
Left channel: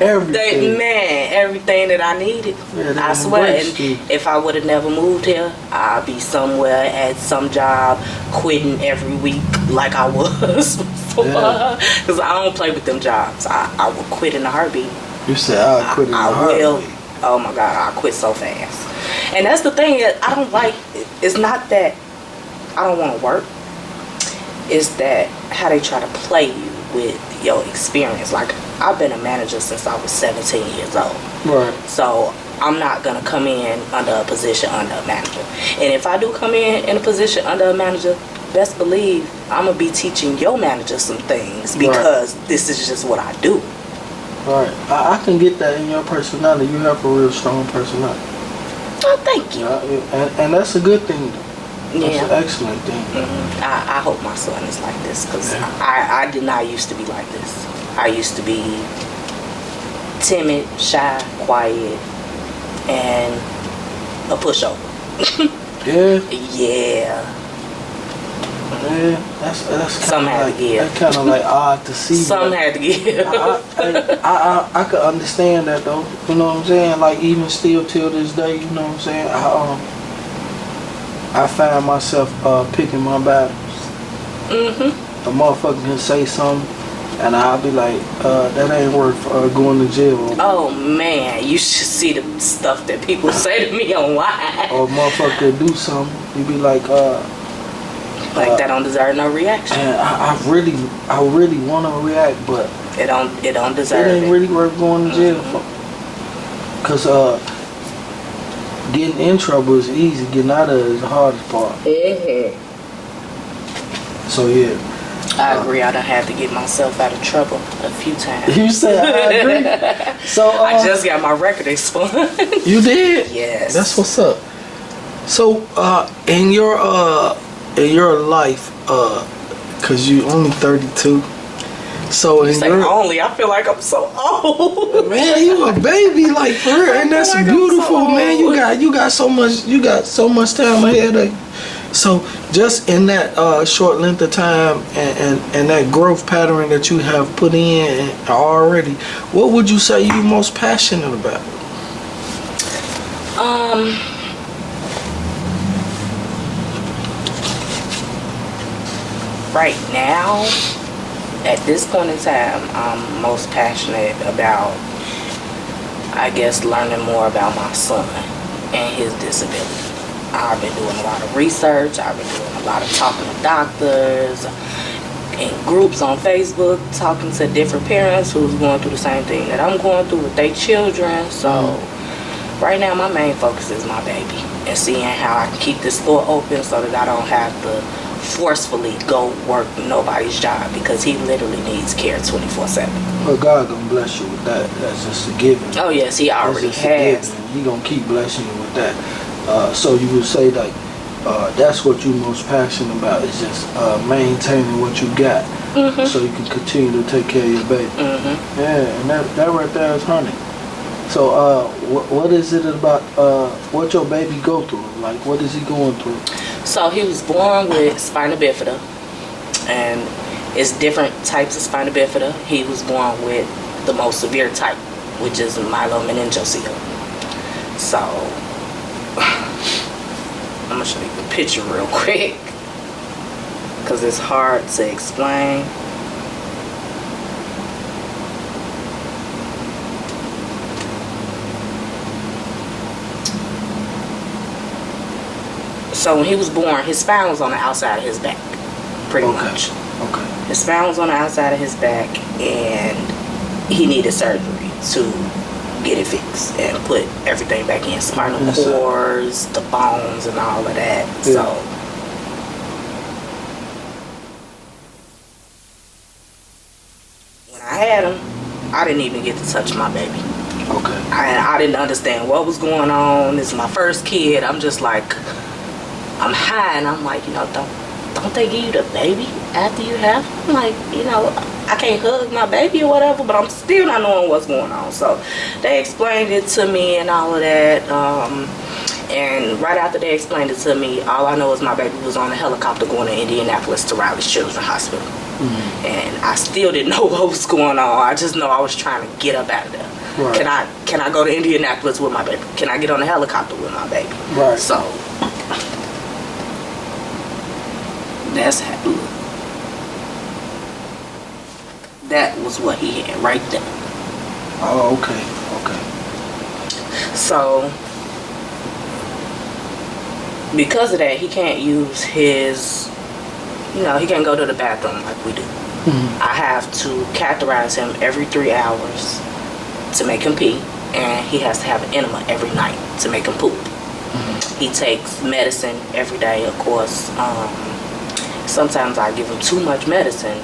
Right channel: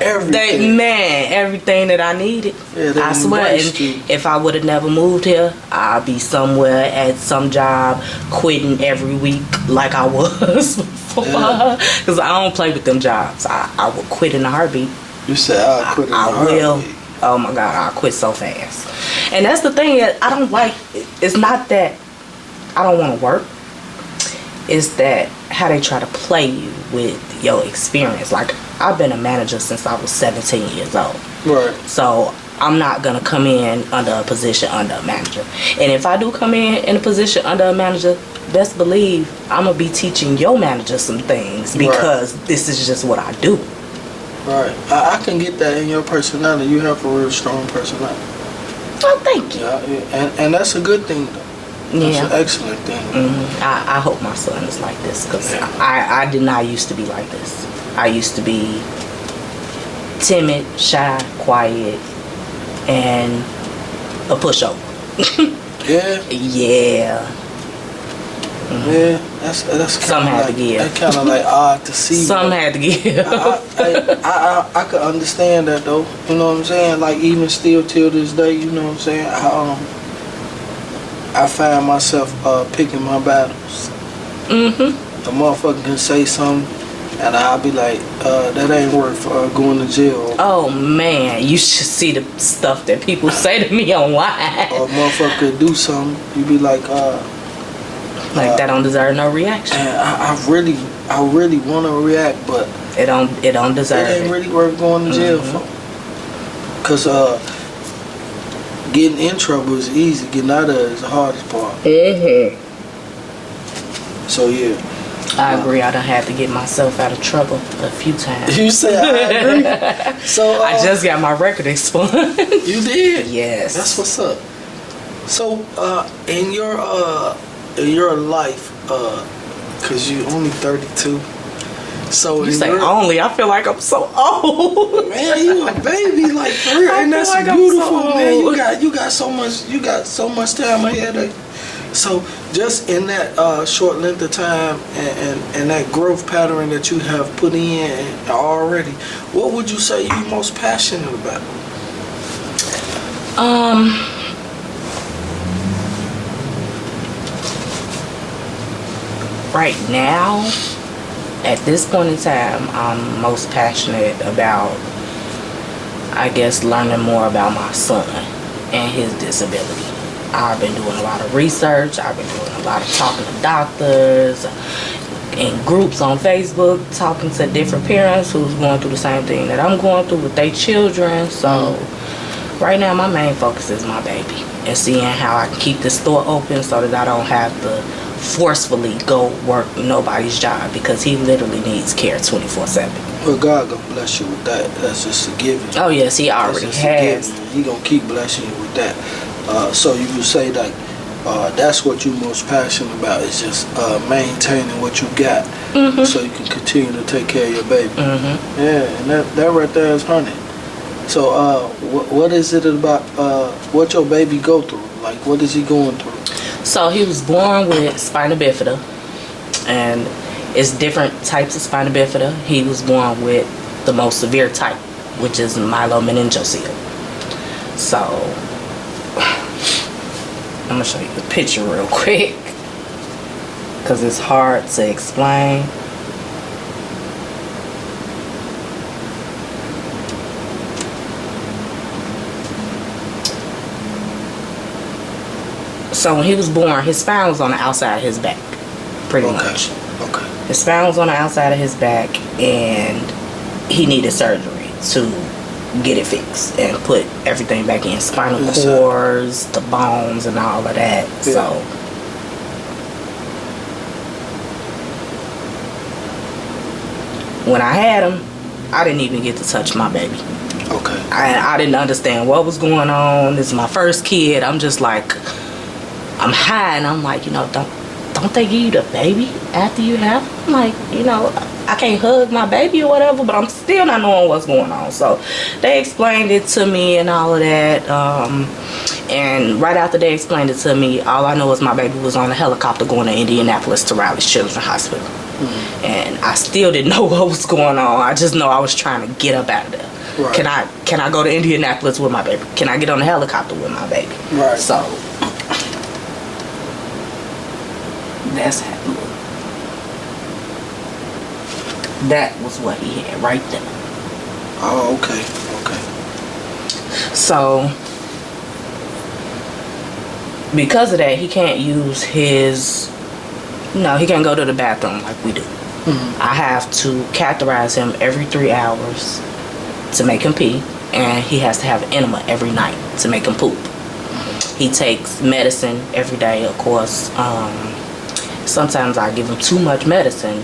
Everything. Everything that I needed. Yeah, I swear. And if I would have never moved here, I'd be somewhere at some job, quitting every week like I was before. Because I don't play with them jobs. I would quit in a heartbeat. You said I'll quit in a heartbeat. I will. Oh my God, I'll quit so fast. And that's the thing that I don't like. It's not that I don't want to work. It's that how they try to play you with your experience. Like, I've been a manager since I was 17 years old. Right. So I'm not going to come in under a position under a manager. And if I do come in a position under a manager, best believe I'm gonna be teaching your manager some things because this is just what I do. All right, I can get that in your personality. You have a real strong personality. Oh, thank you. And that's a good thing, though. That's an excellent thing. I hope my son is like this because I did not used to be like this. I used to be timid, shy, quiet, and a pushover. Yeah. Yeah. Yeah, that's kind of like, that's kind of like odd to see. Some had to give. I could understand that though. You know what I'm saying? Like even still till this day, you know what I'm saying? I find myself picking my battles. The motherfucker can say something, and I'll be like, that ain't worth going to jail. Oh man, you should see the stuff that people say to me online. Or a motherfucker could do something, you be like that don't deserve no reaction. And I really want to react, but it don't deserve it. It ain't really worth going to jail for. Cause getting in trouble is easy, getting out of it is the hardest part. So yeah. I agree. I done had to get myself out of trouble a few times. You say I agree. So I just got my record expunged. You did? Yes. That's what's up. So in your life, cause you only 32. So you say only, I feel like I'm so old. Man, you a baby, like for real, and that's like beautiful, man. You got so much time ahead of you. So just in that short length of time and that growth pattern that you have put in already, what would you say you're most passionate about? Right now, at this point in time, I'm most passionate about, I guess, learning more about my son and his disability. I've been doing a lot of research. I've been doing a lot of talking to doctors and groups on Facebook, talking to different parents who's going through the same thing that I'm going through with their children. So right now, my main focus is my baby and seeing how I can keep this store open so that I don't have to forcefully go work nobody's job because he literally needs care 24/7. Well, God gonna bless you with that. That's just a given. Oh yes, he already has. He gonna keep blessing you with that. So you would say that that's what you're most passionate about is just maintaining what you got, so you can continue to take care of your baby. Yeah, and that right there is honey. So what is it about what your baby go through? Like what is he going through? So he was born with spina bifida, and it's different types of spina bifida. He was born with the most severe type, which is myelomeningocele. So I'm gonna show you the picture real quick because it's hard to explain. So when he was born, his spine was on the outside of his back, pretty much. Okay. His spine was on the outside of his back, and he needed surgery to get it fixed and put everything back in. Spinal cords, the bones, and all of that. Yeah. So when I had him, I didn't even get to touch my baby. Okay. I didn't understand what was going on. This is my first kid. I'm just like, I'm high, and I'm like, don't they give you the baby after you have? I'm like, I can't hug my baby or whatever, but I'm still not knowing what's going on. So they explained it to me and all of that. And right after they explained it to me, all I know is my baby was on a helicopter going to Indianapolis to Riley's Children's Hospital. And I still didn't know what was going on. I just know I was trying to get up out of there. Right. Can I go to Indianapolis with my baby? Can I get on a helicopter with my baby? Right. So that's how. That was what he had right there. Oh, okay. So because of that, he can't use his, he can't go to the bathroom like we do. I have to catheterize him every 3 hours to make him pee, and he has to have an enema every night to make him poop. He takes medicine every day, of course. sometimes I give him too much medicine,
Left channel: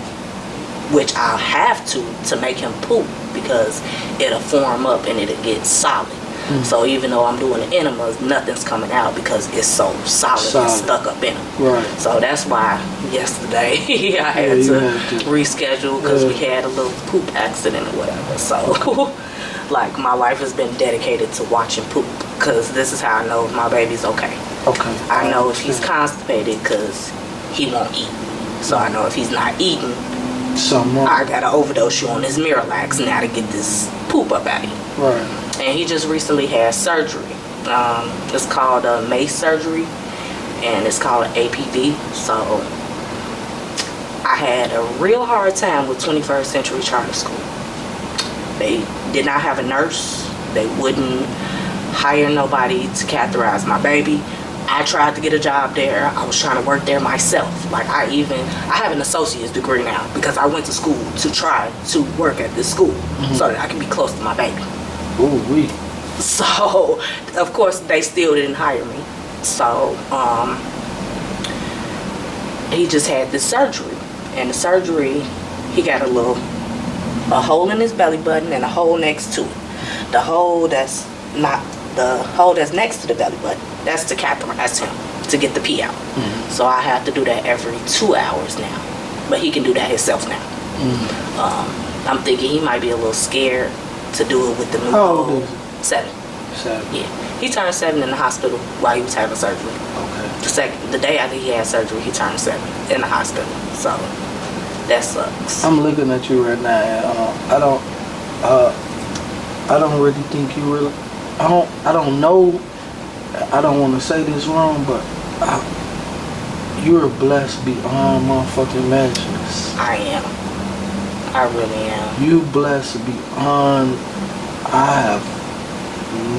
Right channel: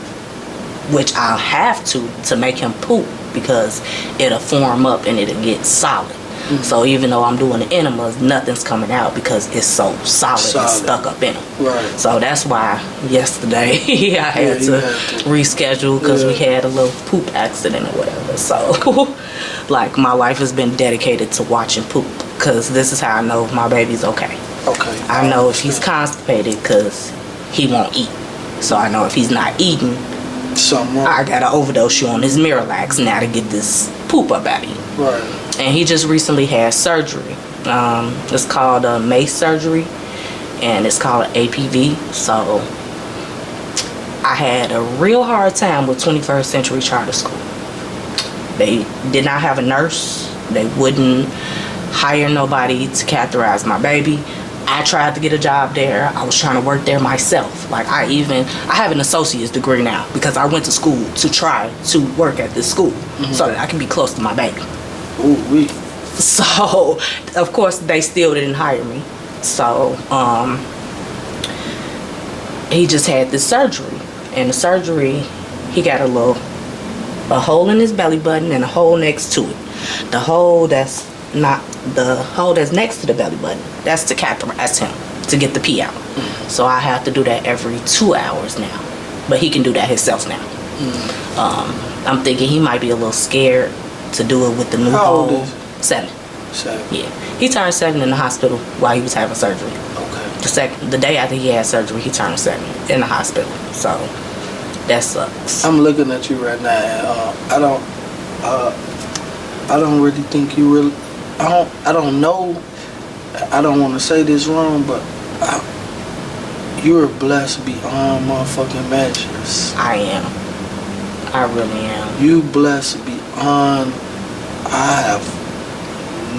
which I'll have to make him poop, because it'll form up and it'll get solid. So even though I'm doing the enemas, nothing's coming out because it's so solid. It's stuck up in him. Right. So that's why yesterday I had to reschedule, because we had a little poop accident or whatever. So like, my life has been dedicated to watching poop, because this is how I know my baby's okay. Okay. I know if he's constipated because he won't eat. So I know if he's not eating, I gotta overdose you on his Miralax now to get this poop up out of you. Right. And he just recently had surgery. It's called a MACE surgery, and it's called an APV. So I had a real hard time with 21st Century Charter School. They did not have a nurse. They wouldn't hire nobody to catheterize my baby. I tried to get a job there. I was trying to work there myself. Like, I have an associate's degree now, because I went to school to try to work at this school so that I can be close to my baby. Ooh, So, of course, they still didn't hire me. So, he just had this surgery. And the surgery, he got a hole in his belly button and a hole next to it. The hole that's next to the belly button, that's to catheterize him, to get the pee out. So I have to do that every 2 hours now. But he can do that himself now. I'm thinking he might be a little scared to do it with the new hole. 7. 7. Yeah. He turned 7 in the hospital while he was having surgery. Okay. The day after he had surgery, he turned 7 in the hospital. So that sucks. I'm looking at you right now. I don't really think you really. I don't know. I don't want to say this wrong, but you're blessed beyond motherfucking measures. I am. I really am. You blessed beyond. I have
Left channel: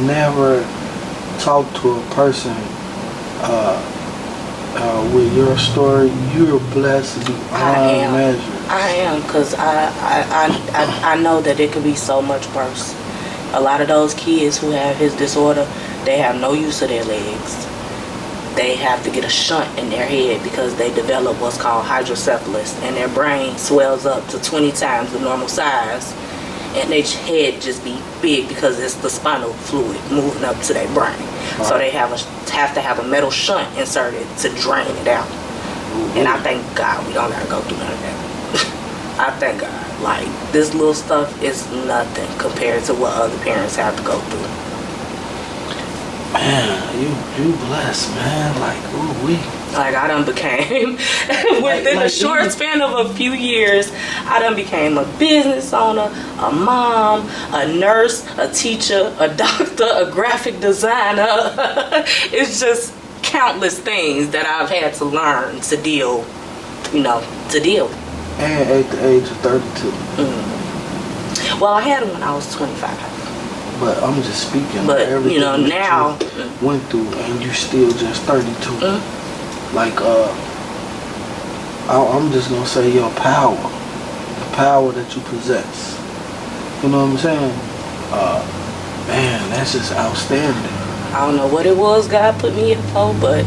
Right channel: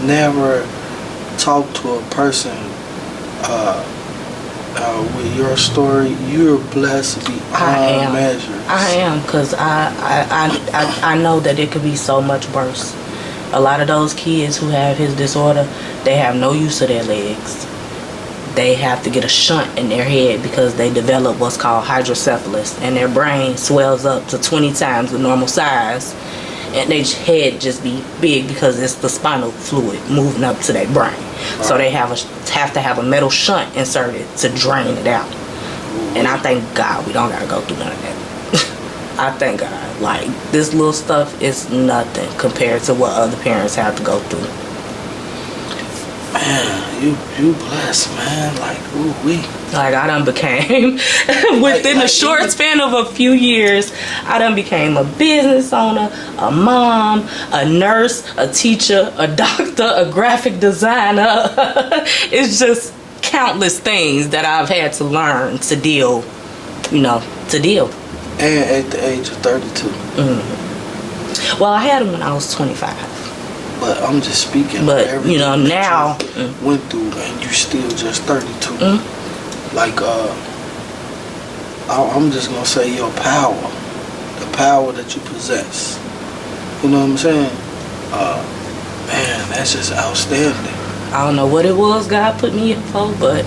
never talked to a person with your story. You're blessed beyond measures. I am, because I know that it could be so much worse. A lot of those kids who have his disorder, they have no use of their legs. They have to get a shunt in their head because they develop what's called hydrocephalus, and their brain swells up to 20 times the normal size, and their head just be big because it's the spinal fluid moving up to their brain. Right. So they have to have a metal shunt inserted to drain it out. And I thank God we don't gotta go through none of that. I thank God. Like, this little stuff is nothing compared to what other parents have to go through. Man, you blessed, man. Like, ooh-wee. Like, I done became, within a short span of a few years, I done became a business owner, a mom, a nurse, a teacher, a doctor, a graphic designer. It's just countless things that I've had to learn to deal. And at the age of 32. Well, I had him when I was 25. But I'm just speaking. But everything now you went through, and you still just 32. Like, I'm just gonna say your power, the power that you possess. You know what I'm saying? Man, that's just outstanding. I don't know what it was God put me here for, but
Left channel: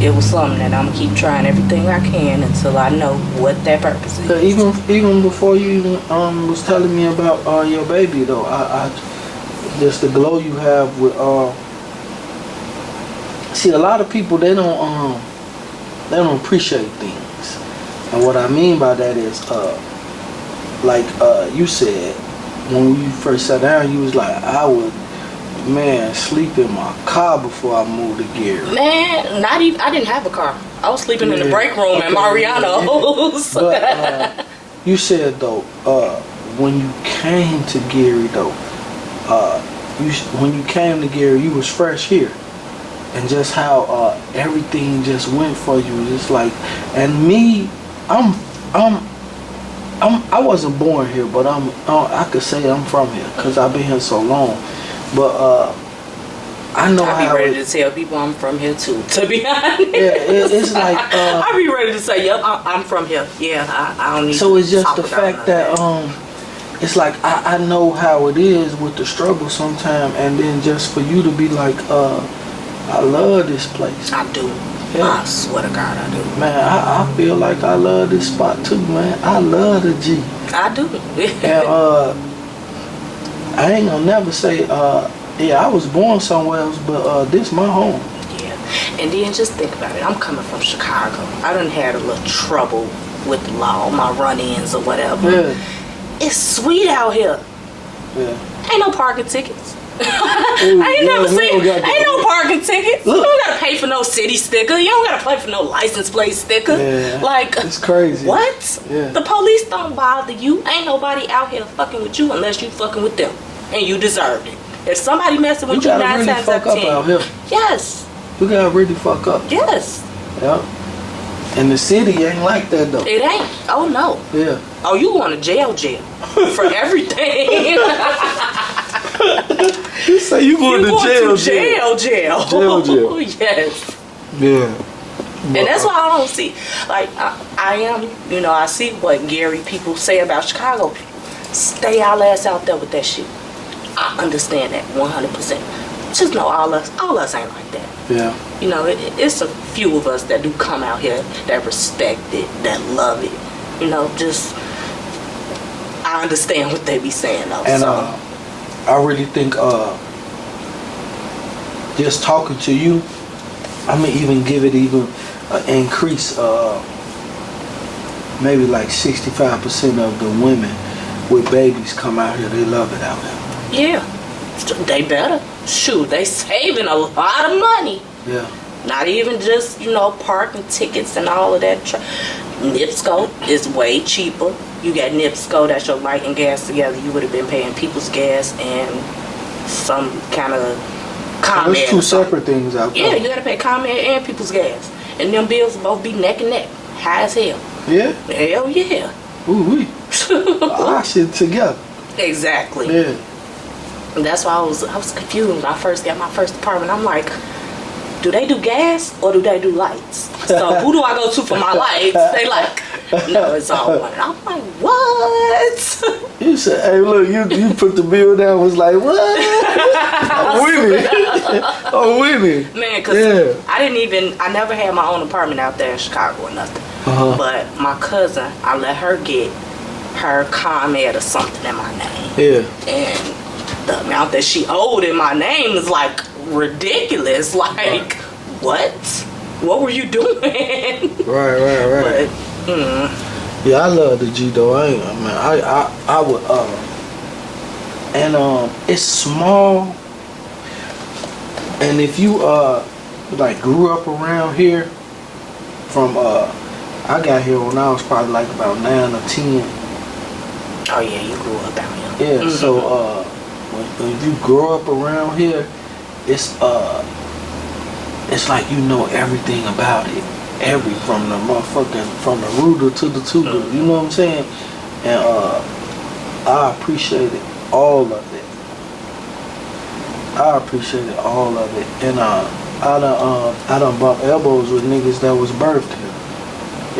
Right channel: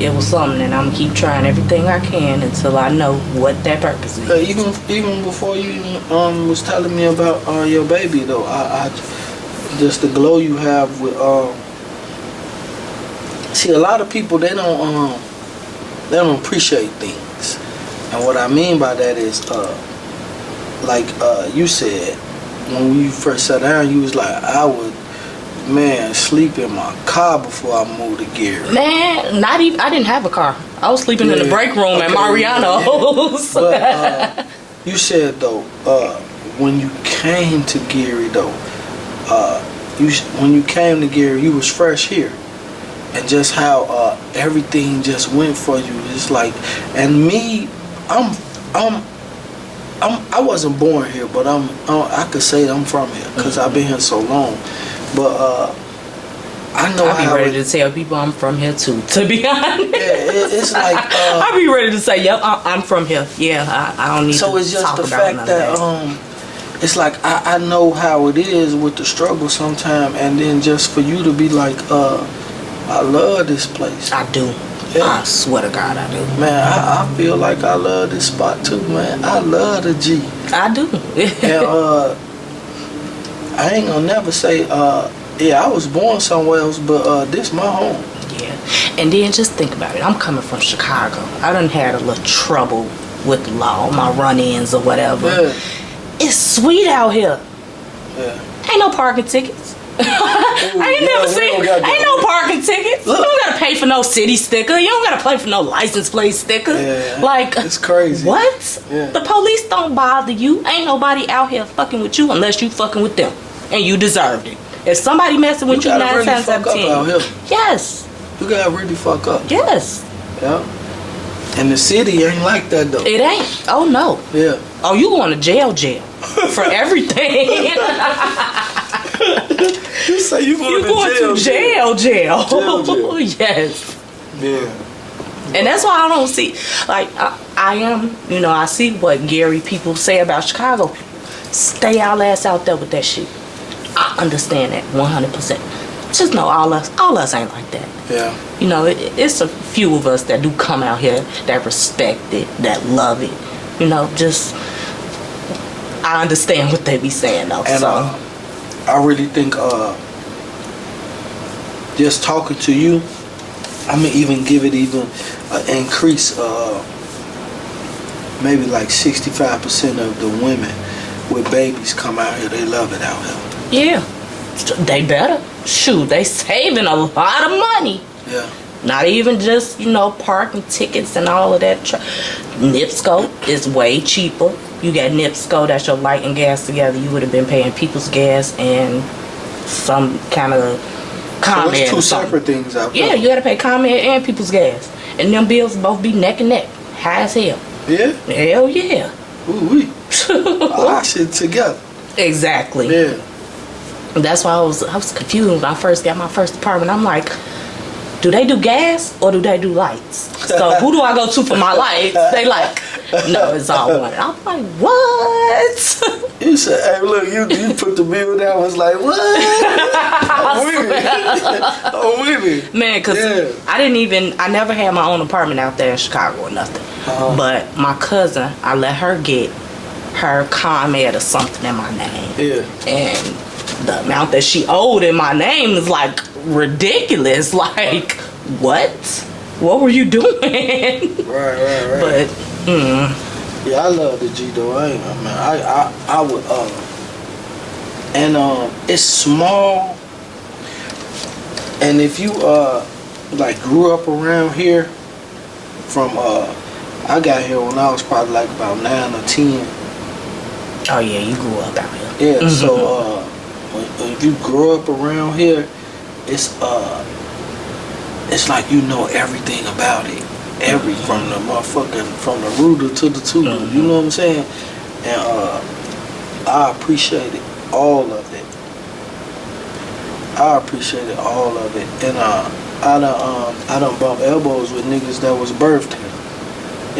it was something, and I'm gonna keep trying everything I can until I know what that purpose is. But even before you was telling me about your baby though, I just the glow you have with see, a lot of people they don't appreciate things, and what I mean by that is like you said when you first sat down, you was like, I would sleep in my car before I moved to Gary. Man, not even. I didn't have a car. I was sleeping in the break room at Mariano's. But you said though, when you came to Gary though, when you came to Gary, you was fresh here, and just how everything just went for you. It's like, and me, I wasn't born here, but I could say I'm from here because I've been here so long. But I know I'd be ready to tell people I'm from here too, to be honest. Yeah, it's like I'd be ready to say, yep, I'm from here. Yeah, I don't need. So to it's just talk the about fact that it's like I know how it is with the struggle sometimes, and then just for you to be like, I love this place. I do. Yeah. I swear to God, I do. Man, I feel like I love this spot too, man. I love the G. I do. And I ain't gonna never say, yeah, I was born somewhere else, but this my home. Yeah. And then just think about it. I'm coming from Chicago. I done had a little trouble with the law, my run-ins or whatever. Yeah. It's sweet out here. Yeah. Ain't no parking tickets. I ain't never seen. Ain't no parking tickets. Look. You don't gotta pay for no city sticker. You don't gotta pay for no license plate sticker. Yeah. Like, It's crazy. what? Yeah. The police don't bother you. Ain't nobody out here fucking with you unless you fucking with them, and you deserved it. If somebody messing with you, gotta 9 really times fuck out of up out 10. here. Yes. You gotta really fuck up. Yes. Yeah. And the city ain't like that though. It ain't. Oh no. Yeah. Oh, you going to jail for everything. You say you going You to going jail, to jail. Jail. Yes. Yeah. And that's why I don't see, like, I am, I see what Gary people say about Chicago people. Stay y'all ass out there with that shit. I understand that 100%. Just know all us ain't like that. Yeah. It's a few of us that do come out here that respect it, that love it. Just, I understand what they be saying though. And so. I really think just talking to you, I'm gonna even give it increase. Maybe like 65% of the women with babies come out here. They love it out here. Yeah, they better. Shoot, they saving a lot of money. Yeah. Not even just, parking tickets and all of that. NIPSCO is way cheaper. You got NIPSCO, that's your light and gas together. You would have been paying people's gas and some kind of ComEd. There's two separate things out there. Yeah, you got to pay ComEd and people's gas. And them bills both be neck and neck. High as hell. Yeah? Hell yeah. Ooh-wee. Our shit together. Exactly. Yeah. And that's why I was confused when I first got my first apartment. I'm like, do they do gas or do they do lights? So who do I go to for my lights? They like, no, it's all one. I'm like, what? You said, hey, look, you put the bill down, was like, what? I'm with it. Man, because I never had my own apartment out there in Chicago or nothing. Uh-huh. But my cousin, I let her get her ComEd or something in my name. Yeah. And the amount that she owed in my name is like ridiculous. Like, what were you doing? Right. But yeah, I love the G though. I would and it's small. And if you like grew up around here from I got here when I was probably like about 9 or 10. oh yeah, you grew up out here. Yeah, Mm-hmm. so when you grow up around here, it's like you know everything about it. From the rooter to the tutor. Mm-hmm. You know what I'm saying? And I appreciated all of it. And I done bumped elbows with niggas that was birthed here.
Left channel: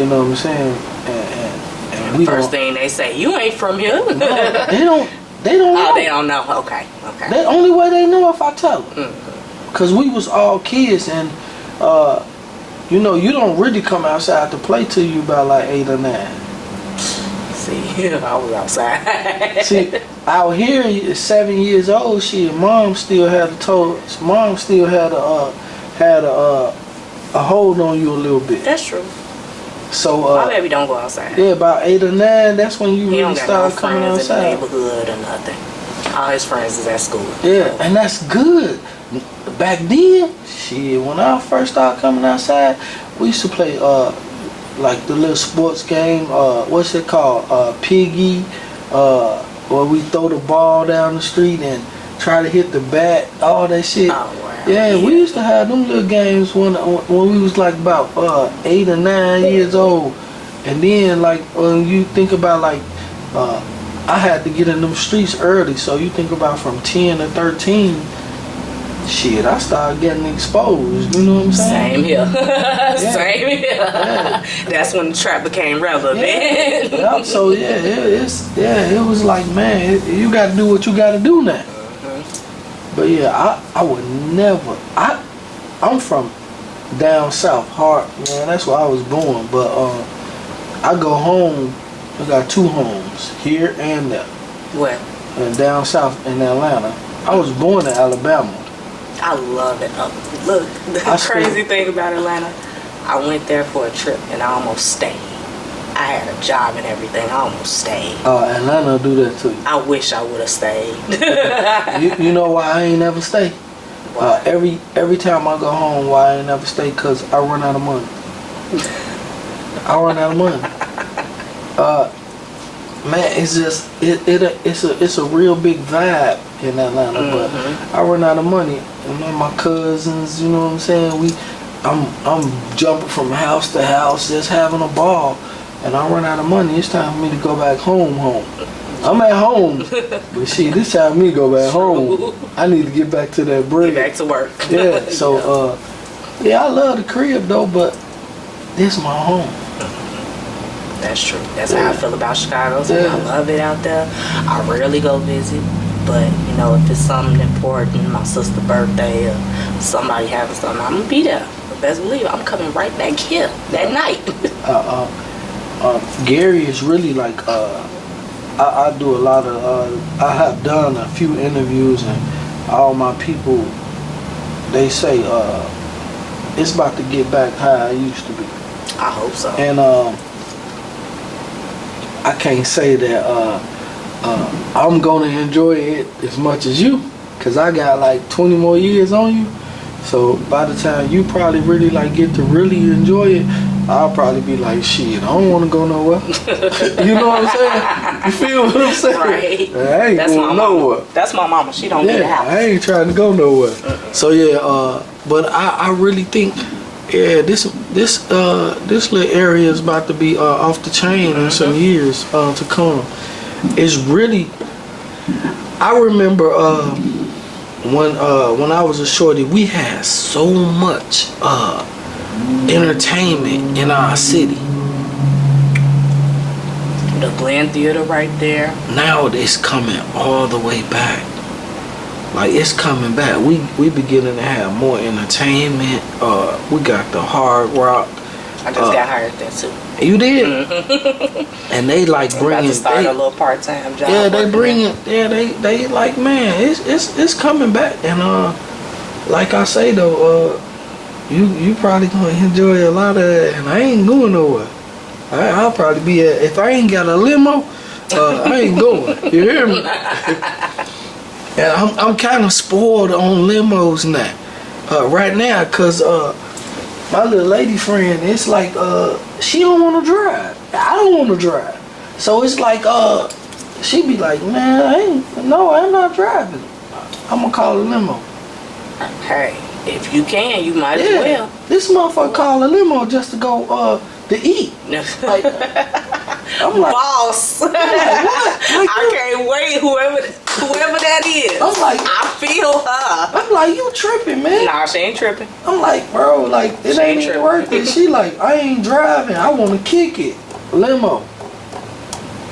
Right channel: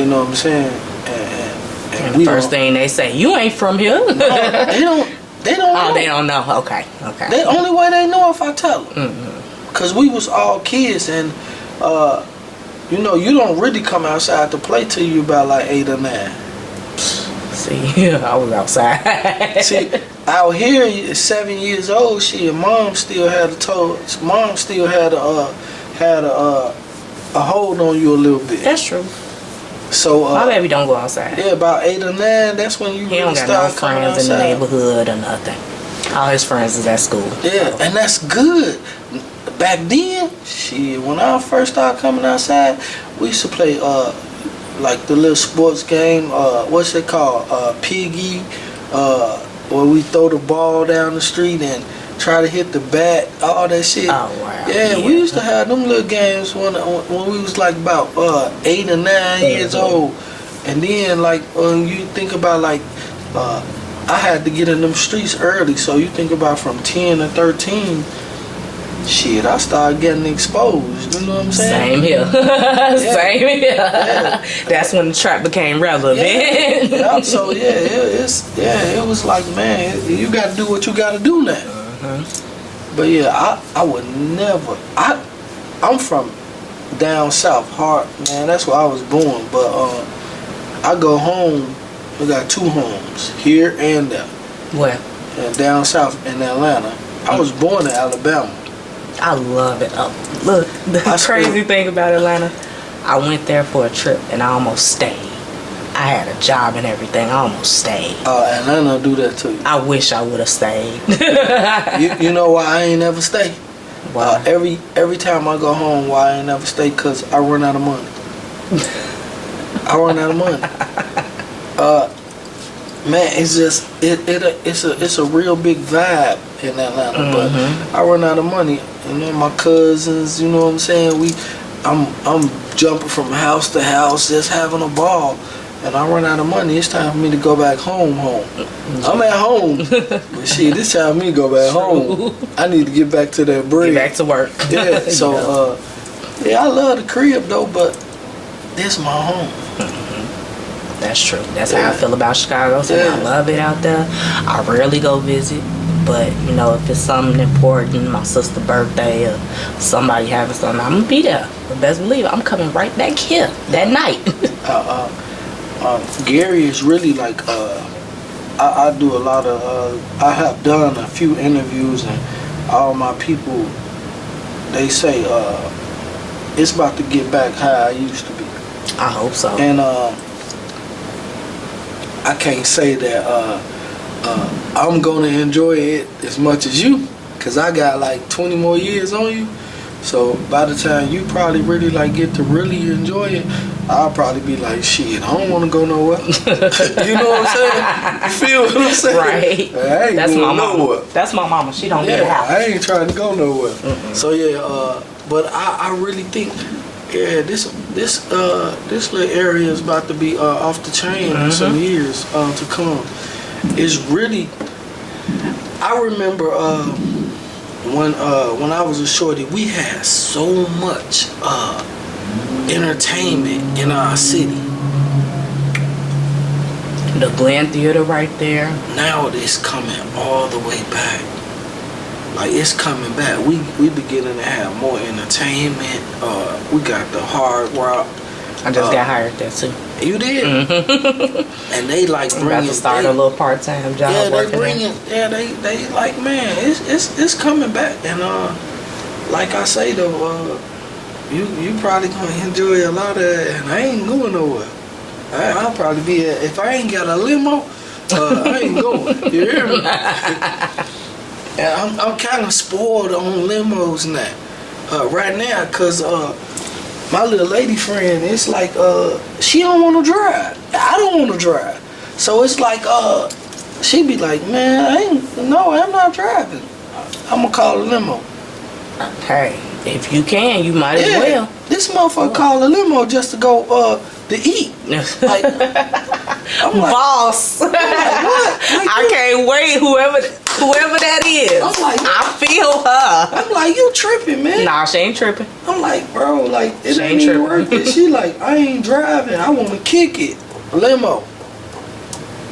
You know what I'm saying? And the first thing they say, you ain't from here. They don't Oh, know. they don't know. Okay. The only way they know if I tell them. Mm-hmm. Cause we was all kids, and you don't really come outside to play till you about like 8 or 9. See, I was outside. See, out here, 7 years old, mom still had a hold on you a little bit. That's true. So My baby don't go outside. yeah, about 8 or 9, that's when you He really don't got no start coming friends in the outside. neighborhood or nothing. All his friends is at school. Yeah, and that's good. Back then, when I first started coming outside, we used to play like the little sports game, what's it called? Piggy, where we throw the ball down the street and try to hit the bat, all that shit. Oh, wow. Yeah, we used to have them little games when we was like about 8 or 9 years old. And then like you think about like I had to get in them streets early, so you think about from 10 to 13, shit, I started getting exposed. You know what I'm saying? Same here. Same here. Yeah. That's when the trap became relevant. Yeah. So it was like, man, you got to do what you got to do now. Mm-hmm. But yeah, I would never. I'm from down south, hard, man. That's where I was born. But I go home. I got 2 homes here and there. What? And down south in Atlanta. I was born in Alabama. I love it. Look, the crazy thing about Atlanta, I went there for a trip and I almost stayed. I had a job and everything. I almost stayed. Atlanta do that to you. I wish I would have stayed. you know why I ain't never stay? Every time I go home, why I ain't never stay? Cause I run out of money. I run out of money. Man, it's just it's a real big vibe in Atlanta, but I run out of money. And then my cousins, you know what I'm saying? I'm jumping from house to house, just having a ball. And I run out of money. It's time for me to go back home. I'm at home, but shit, it's time for me to go back home. I need to get back to that bread. Get back to work. Yeah. So I love the crib though, but this my home. That's true. That's how I feel about Chicago. So I love it out there. I rarely go visit, but you know, if it's something important, my sister's birthday or somebody having something, I'm gonna be there. But best believe I'm coming right back here that night. Gary is really like I do a lot of I have done a few interviews, and all my people, they say it's about to get back how I used to be. I hope so. And I can't say that I'm gonna enjoy it as much as you, cause I got like 20 more years on you. So by the time you probably really like get to really enjoy it, I'll probably be like, shit, I don't want to go nowhere. You know what I'm saying? You feel what I'm saying? Right. I ain't going nowhere. That's my mama. She don't leave the house. I ain't trying to go nowhere. So yeah, but I really think, yeah, this little area is about to be off the chain in some years to come. It's really, I remember when I was a shorty, we had so much entertainment in our city. The Glen Theater right there. Now it's coming all the way back. Like, it's coming back. We beginning to have more entertainment. We got the Hard Rock. I just got hired there too. You did? And they like bringing. To start a little part-time job. Yeah, they bringing. Yeah, they like, man, it's coming back. And like I say though, you probably gonna enjoy a lot of that. And I ain't going nowhere. I'll probably be if I ain't got a limo, I ain't going. You hear me? And I'm kind of spoiled on limos now, right now, cause my little lady friend, it's like she don't want to drive. I don't want to drive, so it's like she be like, man, I'm not driving. I'm gonna call a limo. Hey, if you can, you might as well. This motherfucker call a limo just to go to eat. Like, I'm like, boss. what? I can't wait. Whoever that is. I'm like, I feel her. I'm like, you tripping, man? Nah, she ain't tripping. I'm like, bro, like, it ain't even working. She like, I ain't driving. I want to kick it. Limo.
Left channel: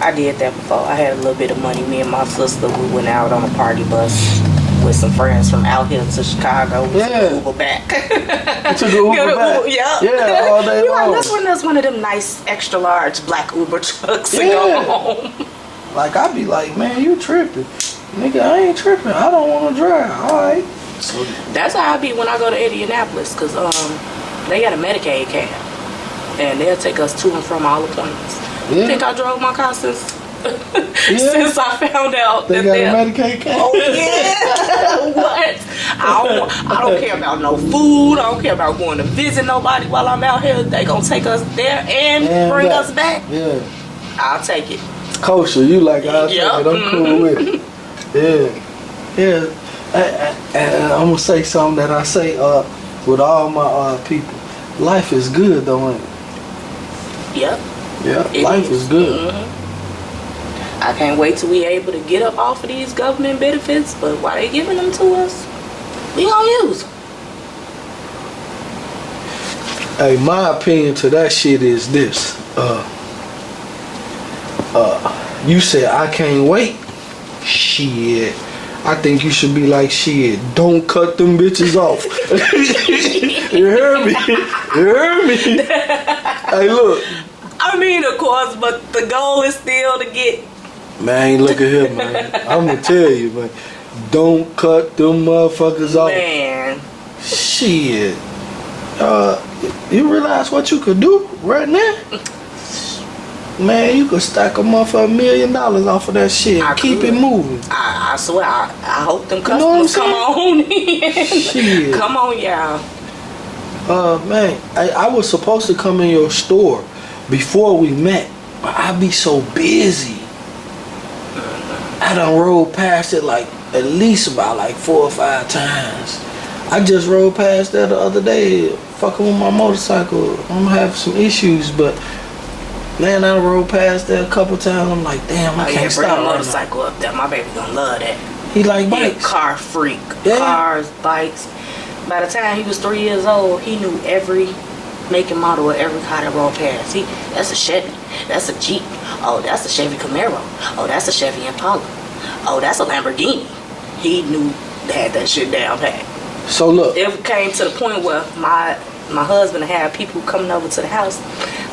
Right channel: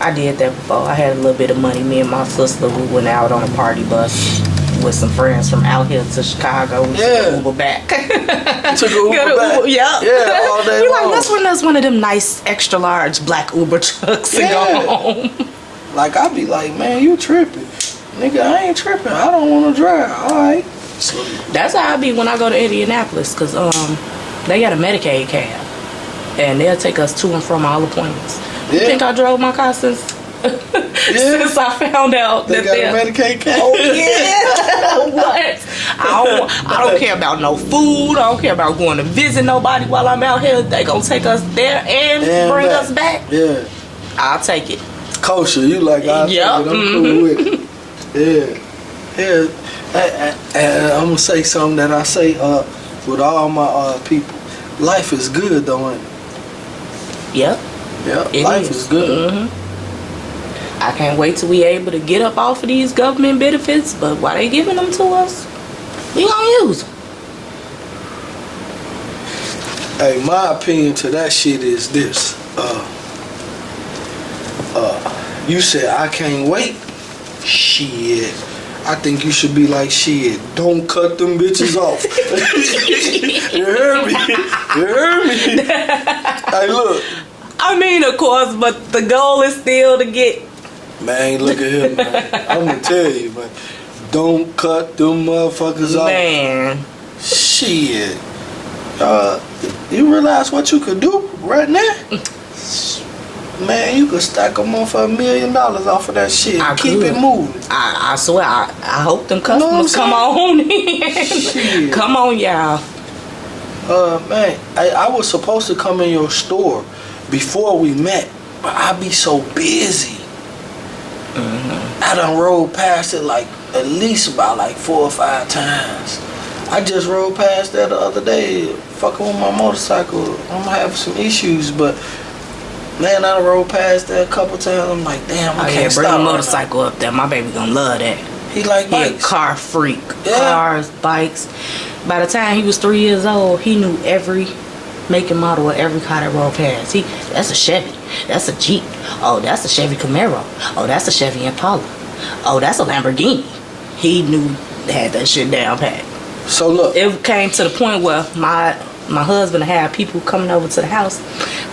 I did that before. I had a little bit of money. Me and my sister, we went out on a party bus with some friends from out here to Chicago. We took Uber back. Took an Uber back? Yeah. Yeah, all day long. Let's one of them nice extra large black Uber trucks and go home. Like, I be like, man, you tripping. Nigga, I ain't tripping. I don't want to drive. All right. So that's how I be when I go to Indianapolis, because they got a Medicaid cab. And they'll take us to and from all appointments. Yeah. You think I drove my car since since I found out they got a Medicaid cab? Oh, yeah. What? I don't care about no food. I don't care about going to visit nobody while I'm out here. They gonna take us there and bring us back. Yeah. I'll take it. Kosher, you like, I'll take it. I'm cool with it. Yeah. And I'm going to say something that I say with all my people. Life is good, though, ain't it? Yep. Yeah, life is good. I can't wait till we able to get up off of these government benefits, but while they giving them to us, we gonna use them. Hey, my opinion to that shit is this. You said I can't wait. Shit. I think you should be like, shit, don't cut them bitches off. You heard me? You heard me? Hey, look. I mean, of course, but the goal is still to get. Man, look at him, man. I'm gonna tell you, man. Don't cut them motherfuckers off. Man. Shit. You realize what you could do right now? Man, you could stack a motherfucker $1 million off of that shit. Keep it moving. I swear, I hope them customers come on in. Shit. Come on, y'all. Man, I was supposed to come in your store before we met, but I be so busy. I done rode past it like at least about like 4 or 5 times. I just rode past that the other day, fucking with my motorcycle. I'm having some issues, but man, I rode past that a couple times. I'm like, damn, I can't stop. Bring a motorcycle up there. My baby gonna love that. He like He a bikes. car freak. Yeah. Cars, bikes. By the time he was 3 years old, he knew every make and model of every car that rolled past. That's a Chevy. That's a Jeep. Oh, that's a Chevy Camaro. Oh, that's a Chevy Impala. Oh, that's a Lamborghini. He knew they had that shit down pat. So look, It came to the point where my husband had people coming over to the house.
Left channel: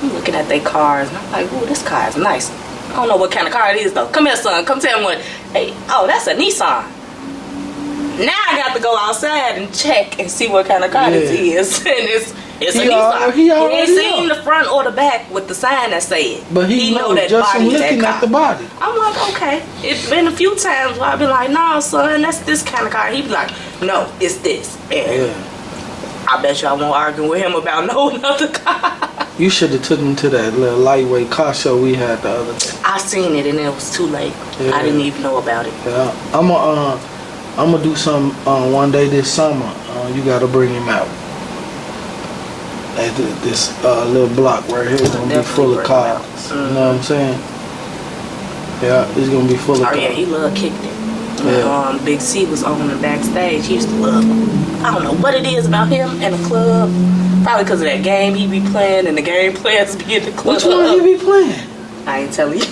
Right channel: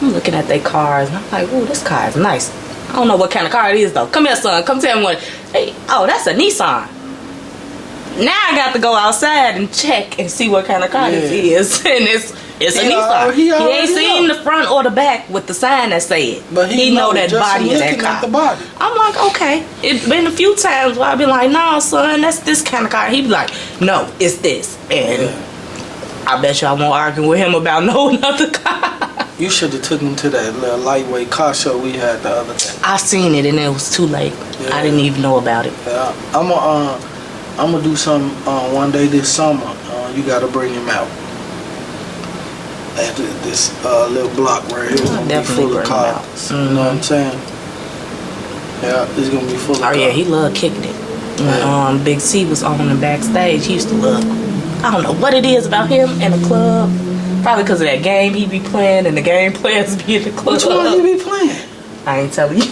I'm looking at their cars and I'm like, oh, this car is nice. I don't know what kind of car it is though. Come here, son. Come tell me what. Hey, oh, that's a Nissan. Now I got to go outside and check and see what kind of car this is. And it's a Nissan. He ain't seen the front or the back with the sign that said. but he know that just body is that looking car. at the body. I'm like, okay. It's been a few times where I've been like, nah, son, that's this kind of car. He be like, no, it's this. And I bet you I won't argue with him about no other car. You should have took him to that little lightweight car show we had the other day. I seen it and it was too late. Yeah. I didn't even know about it. Yeah, I'm gonna do something one day this summer. You gotta bring him out at this little block right here. It's gonna be full of cars. You know what I'm saying? Yeah, it's gonna be full of cars. Oh yeah, he loved kicking it. When Big C was on the backstage, he used to love. I don't know what it is about him in a club. Probably because of that game he be playing and the game players be in the club. Which one he be playing? I ain't telling you.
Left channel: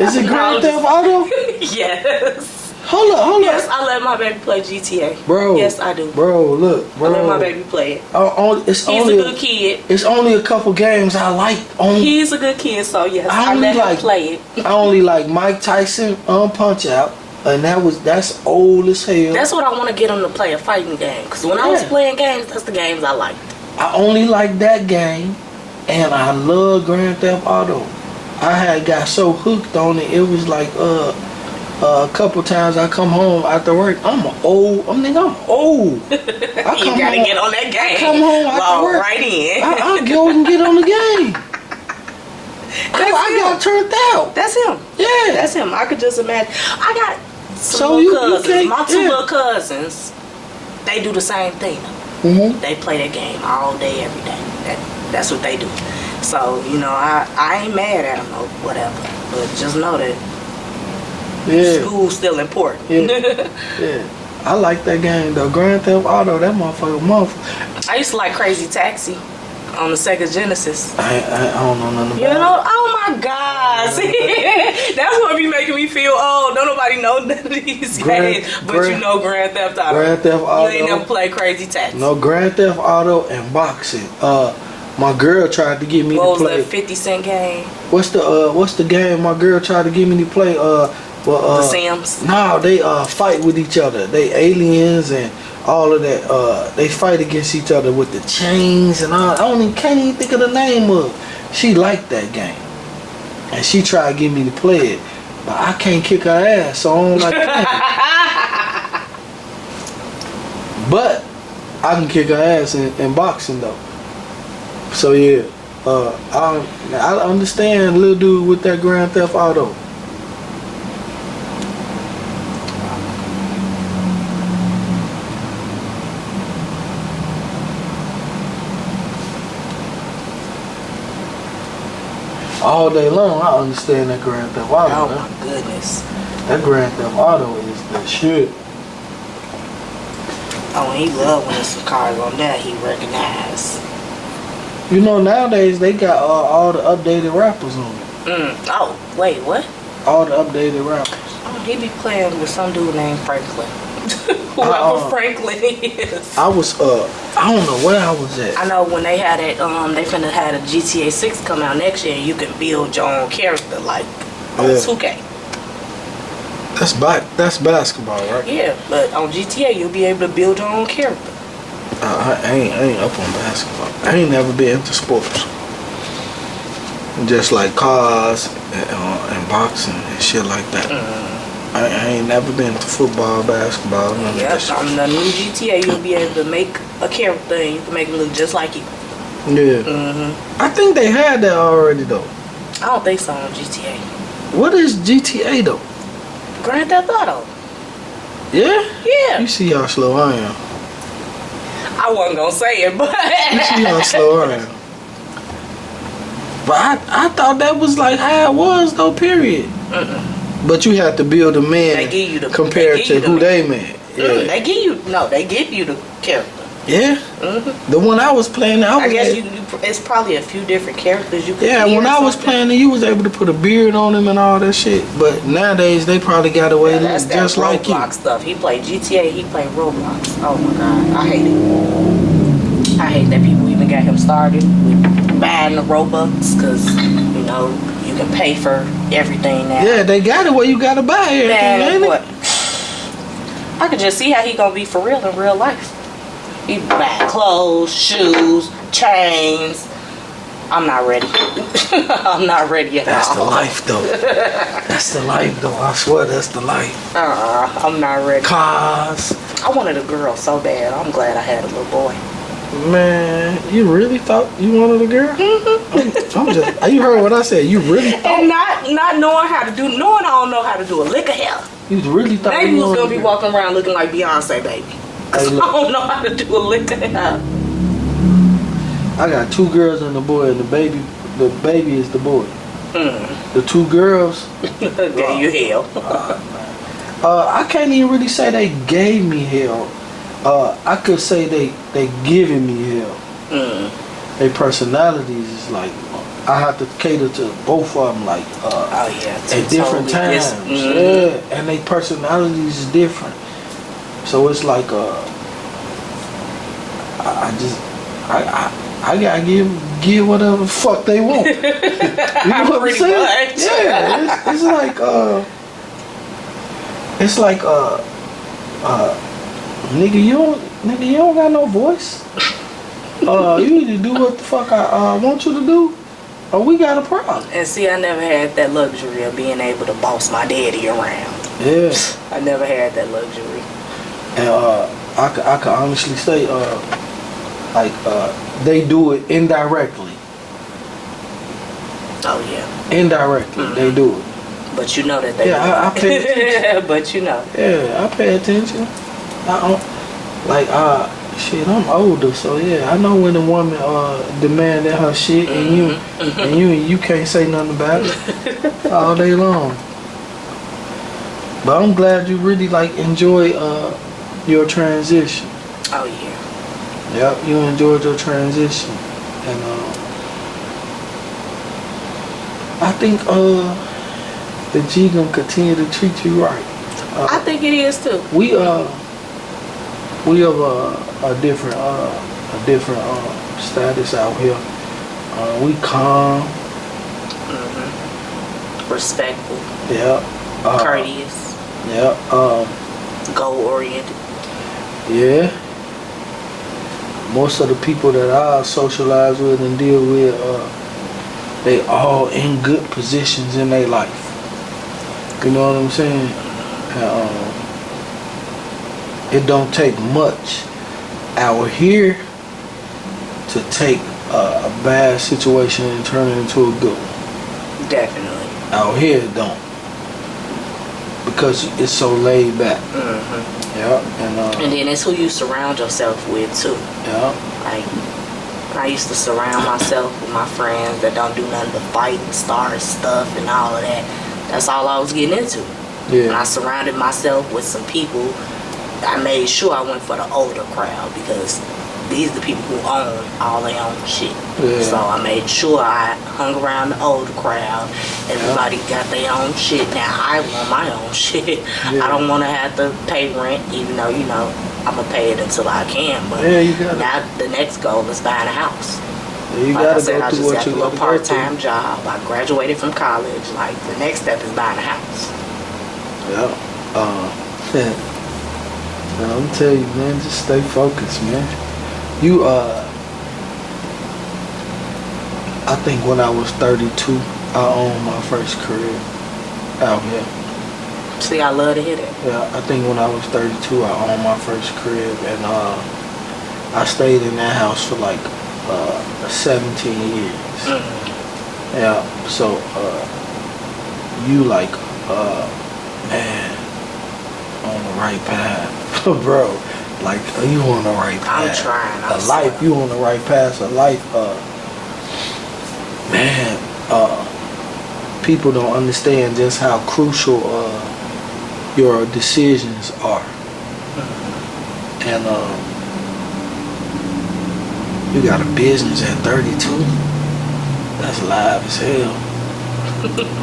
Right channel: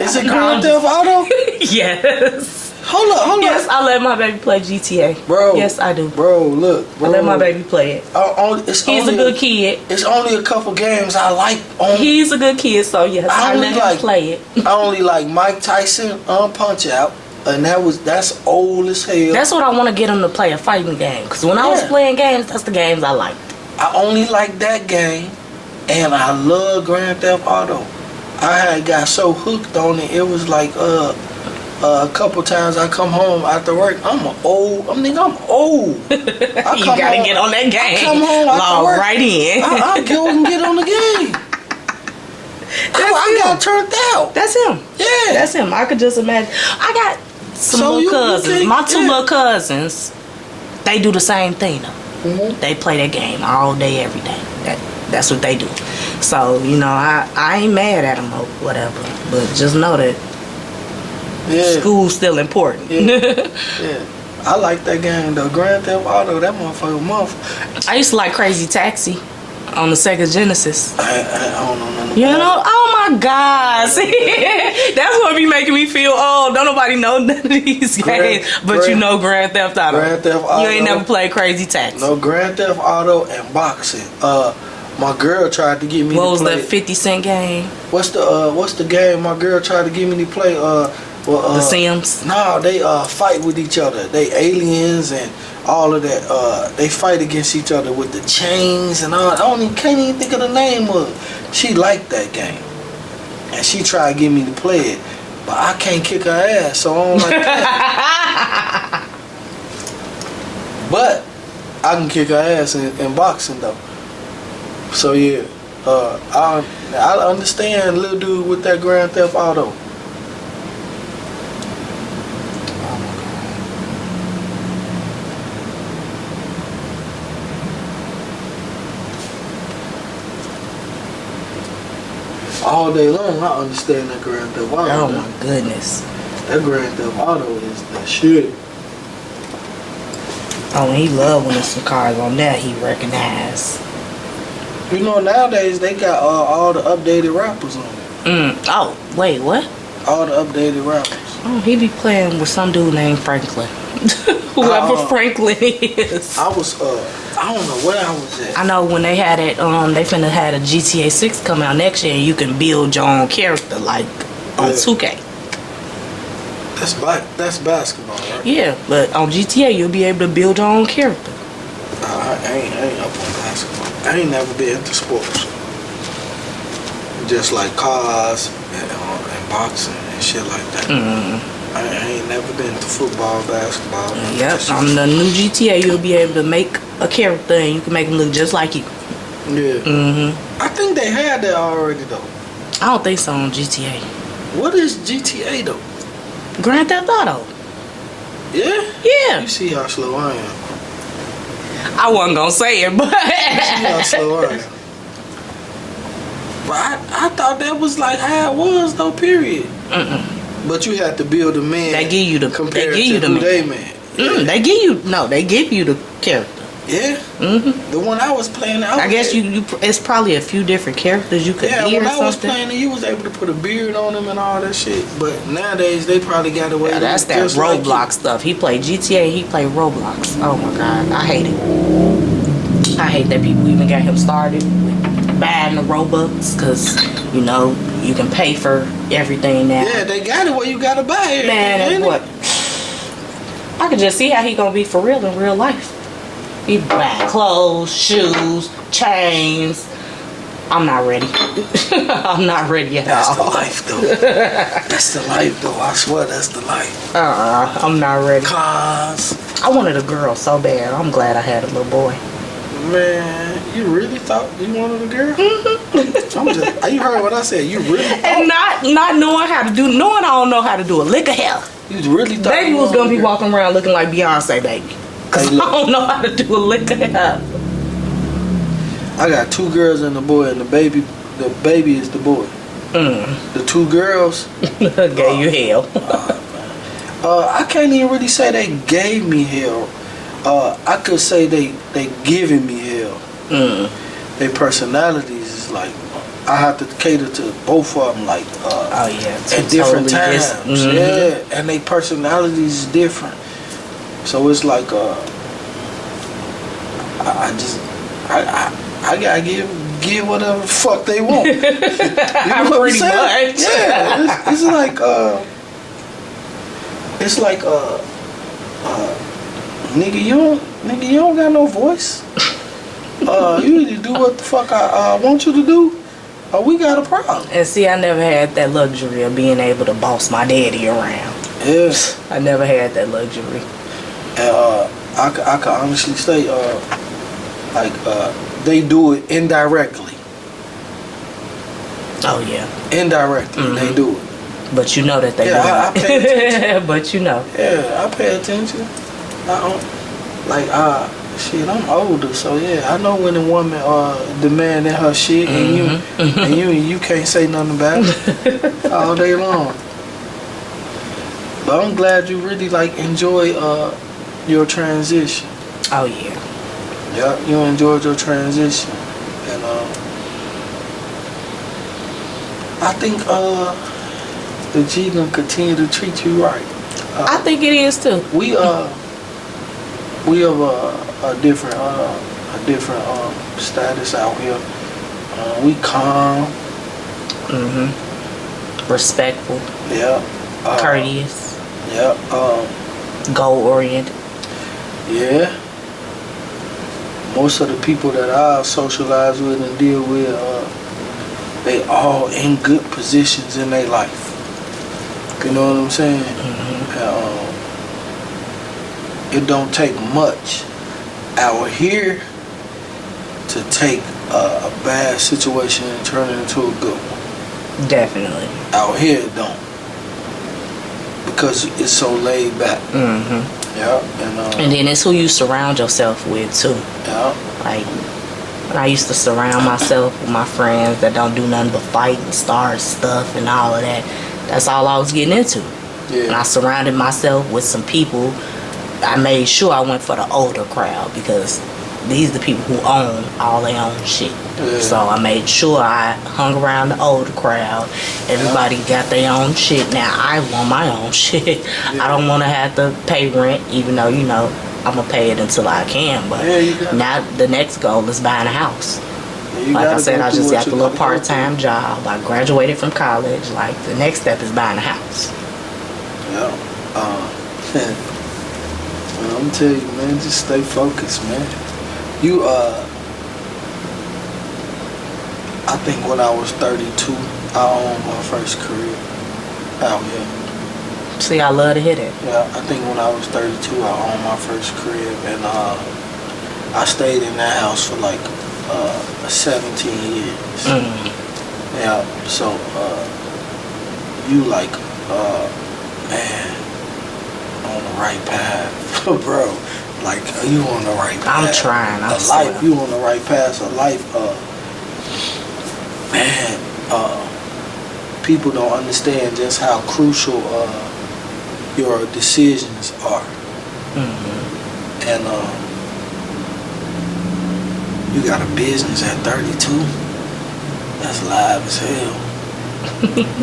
Is it Grand Theft Auto? Yes. Hold Yes, up. I let my baby play GTA. Bro. Yes, I do. Bro, look. Bro. I let my baby play it. He's a good kid. It's only a couple games I like. He's a good kid, so yes, I let him play it. I only like Mike Tyson Punch Out, and that's old as hell. That's what I want to get him to play, a fighting game. Because when I was playing games, that's the games I liked. I only like that game, and I love Grand Theft Auto. I had got so hooked on it. It was like a couple times I come home after work. I'm old. You gotta get on that game. I come home after work. Right in. I go and get on the game. I got turned out. That's him. Yeah, that's him. I could just imagine. I got some So little you cousins. think- My 2 yeah. little cousins. They do the same thing though. They play that game all day, every day. That's what they do. So, I ain't mad at them or whatever. But just know that school's still important. Yeah. I like that game though. Grand Theft Auto, that motherfucker. I used to like Crazy Taxi on the Sega Genesis. I don't know nothing about it. Oh my gosh. That's what be making me feel old. Don't nobody know none of these games, but you know Grand Theft Auto. Grand Theft Auto. You ain't never played Crazy Taxi. No, Grand Theft Auto and boxing. My girl tried to get me What to was play. that 50 Cent game? What's the game my girl tried to get me to play? The Sims? No, they fight with each other. They aliens and all of that. They fight against each other with the chains and all. Can't even think of the name of it. She liked that game. And she tried to get me to play it. But I can't kick her ass, so I don't like playing. But I can kick her ass in boxing though. So yeah, I understand little dude with that Grand Theft Auto. All day long, I understand that Grand Theft Auto. Oh my goodness. That Grand Theft Auto is the shit. Oh, and he loved when there's some cars on there he recognized. You know, nowadays they got all the updated rappers on it. Oh, wait, what? All the updated rappers. Oh, he be playing with some dude named Franklin. Whoever Franklin is. I was I don't know where I was at. I know when they had it, they finna had a GTA 6 come out next year, and you can build your own character like on 2K. That's basketball, right? Yeah, but on GTA you'll be able to build your own character. I ain't up on basketball. I ain't never been into sports. Just like cars and boxing and shit like that. I ain't never been into football, basketball. Yep, on the new GTA you'll be able to make a character and you can make him look just like you. Yeah. I think they had that already though. I don't think so on GTA. What is GTA though? Grand Theft Auto. Yeah? Yeah. You see how slow I am. I wasn't gonna say it, but You see how slow I am. But I thought that was like how it was though, period. But you have to build a man. They give you the compared to who they man. Yeah. They give you the character. Yeah. The one I was playing, I guess you it's probably a few different characters you could. Yeah, when I was playing, you was able to put a beard on him and all that shit. But nowadays they probably got away with that's that just Roblox like stuff. He played GTA. He played Roblox. Oh my god, I hate it. I hate that people even got him started with buying the Robux because you know you can pay for everything now. Yeah, they got it where you gotta buy everything. Man, what? I could just see how he gonna be for real in real life. He buy clothes, shoes, chains. I'm not ready. I'm not ready at That's all. the life though. That's the life though. I swear that's the life. I'm not ready. Cars. I wanted a girl so bad. I'm glad I had a little boy. Man, you really thought you wanted a girl? You heard what I said. You really thought? And not knowing how to do, knowing I don't know how to do a lick of hair. You really thought Baby you was wanted gonna a be girl? walking around looking like Beyonce, baby. Cause Hey, I don't know how to do a lick of hair. I got 2 girls and a boy, and the baby is the boy. The 2 girls Gave you hell. I can't even really say they gave me hell. I could say they giving me hell. Their personalities is like I have to cater to both of them, like Oh yeah, at different totally times. different. Yeah, and their personalities is different. So it's like I gotta give whatever the fuck they want. You know what I'm Pretty saying? much. Yeah, it's like nigga, you don't got no voice. You need to do what the fuck I want you to do, or we got a problem. And see, I never had that luxury of being able to boss my daddy around. Yes. I never had that luxury. And I can honestly say, they do it indirectly. Oh yeah. Indirectly, they do it. But you know that they. Yeah, I pay attention. But you know. Yeah, I pay attention. I don't shit. I'm older, so yeah, I know when a woman demanding her shit, and you can't say nothing about it all day long. But I'm glad you really enjoy your transition. Oh yeah. Yep, you enjoyed your transition, and I think the G gonna continue to treat you right. I think it is too. We have a different status out here. We calm. Respectful. Yeah. Courteous. Yeah. Goal oriented. Yeah. Most of the people that I socialize with and deal with, they all in good positions in their life. You know what I'm saying? And, it don't take much out here to take a bad situation and turn it into a good one. Definitely. Out here it don't. Because it's so laid back. Yeah. And then it's who you surround yourself with too. Yeah. Like, I used to surround myself with my friends that don't do nothing but fight and start stuff and all of that. That's all I was getting into. Yeah. And I surrounded myself with some people. I made sure I went for the older crowd because these the people who own all their own shit. Yeah. So I made sure I hung around the older crowd. Everybody got their own shit. Now I want my own shit. I don't want to have to pay rent, even though, you know, I'm going to pay it until I can. But now the next goal is buying a house. Yeah, like I said, I just got a little part-time job. I graduated from college. Like, the next step is buying a house. Yeah. And I'm telling you, man, just stay focused, man. You, I think when I was 32, I owned my first crib out here. See, I love to hear that. Yeah, I think when I was 32, I owned my first crib, and I stayed in that house for like 17 years. Yeah, so you like, man, on the right path, bro. Like, you on the right path. I'm trying. You on the right path of life. Man, people don't understand just how crucial your decisions are. And you got a business at 32. That's live as hell.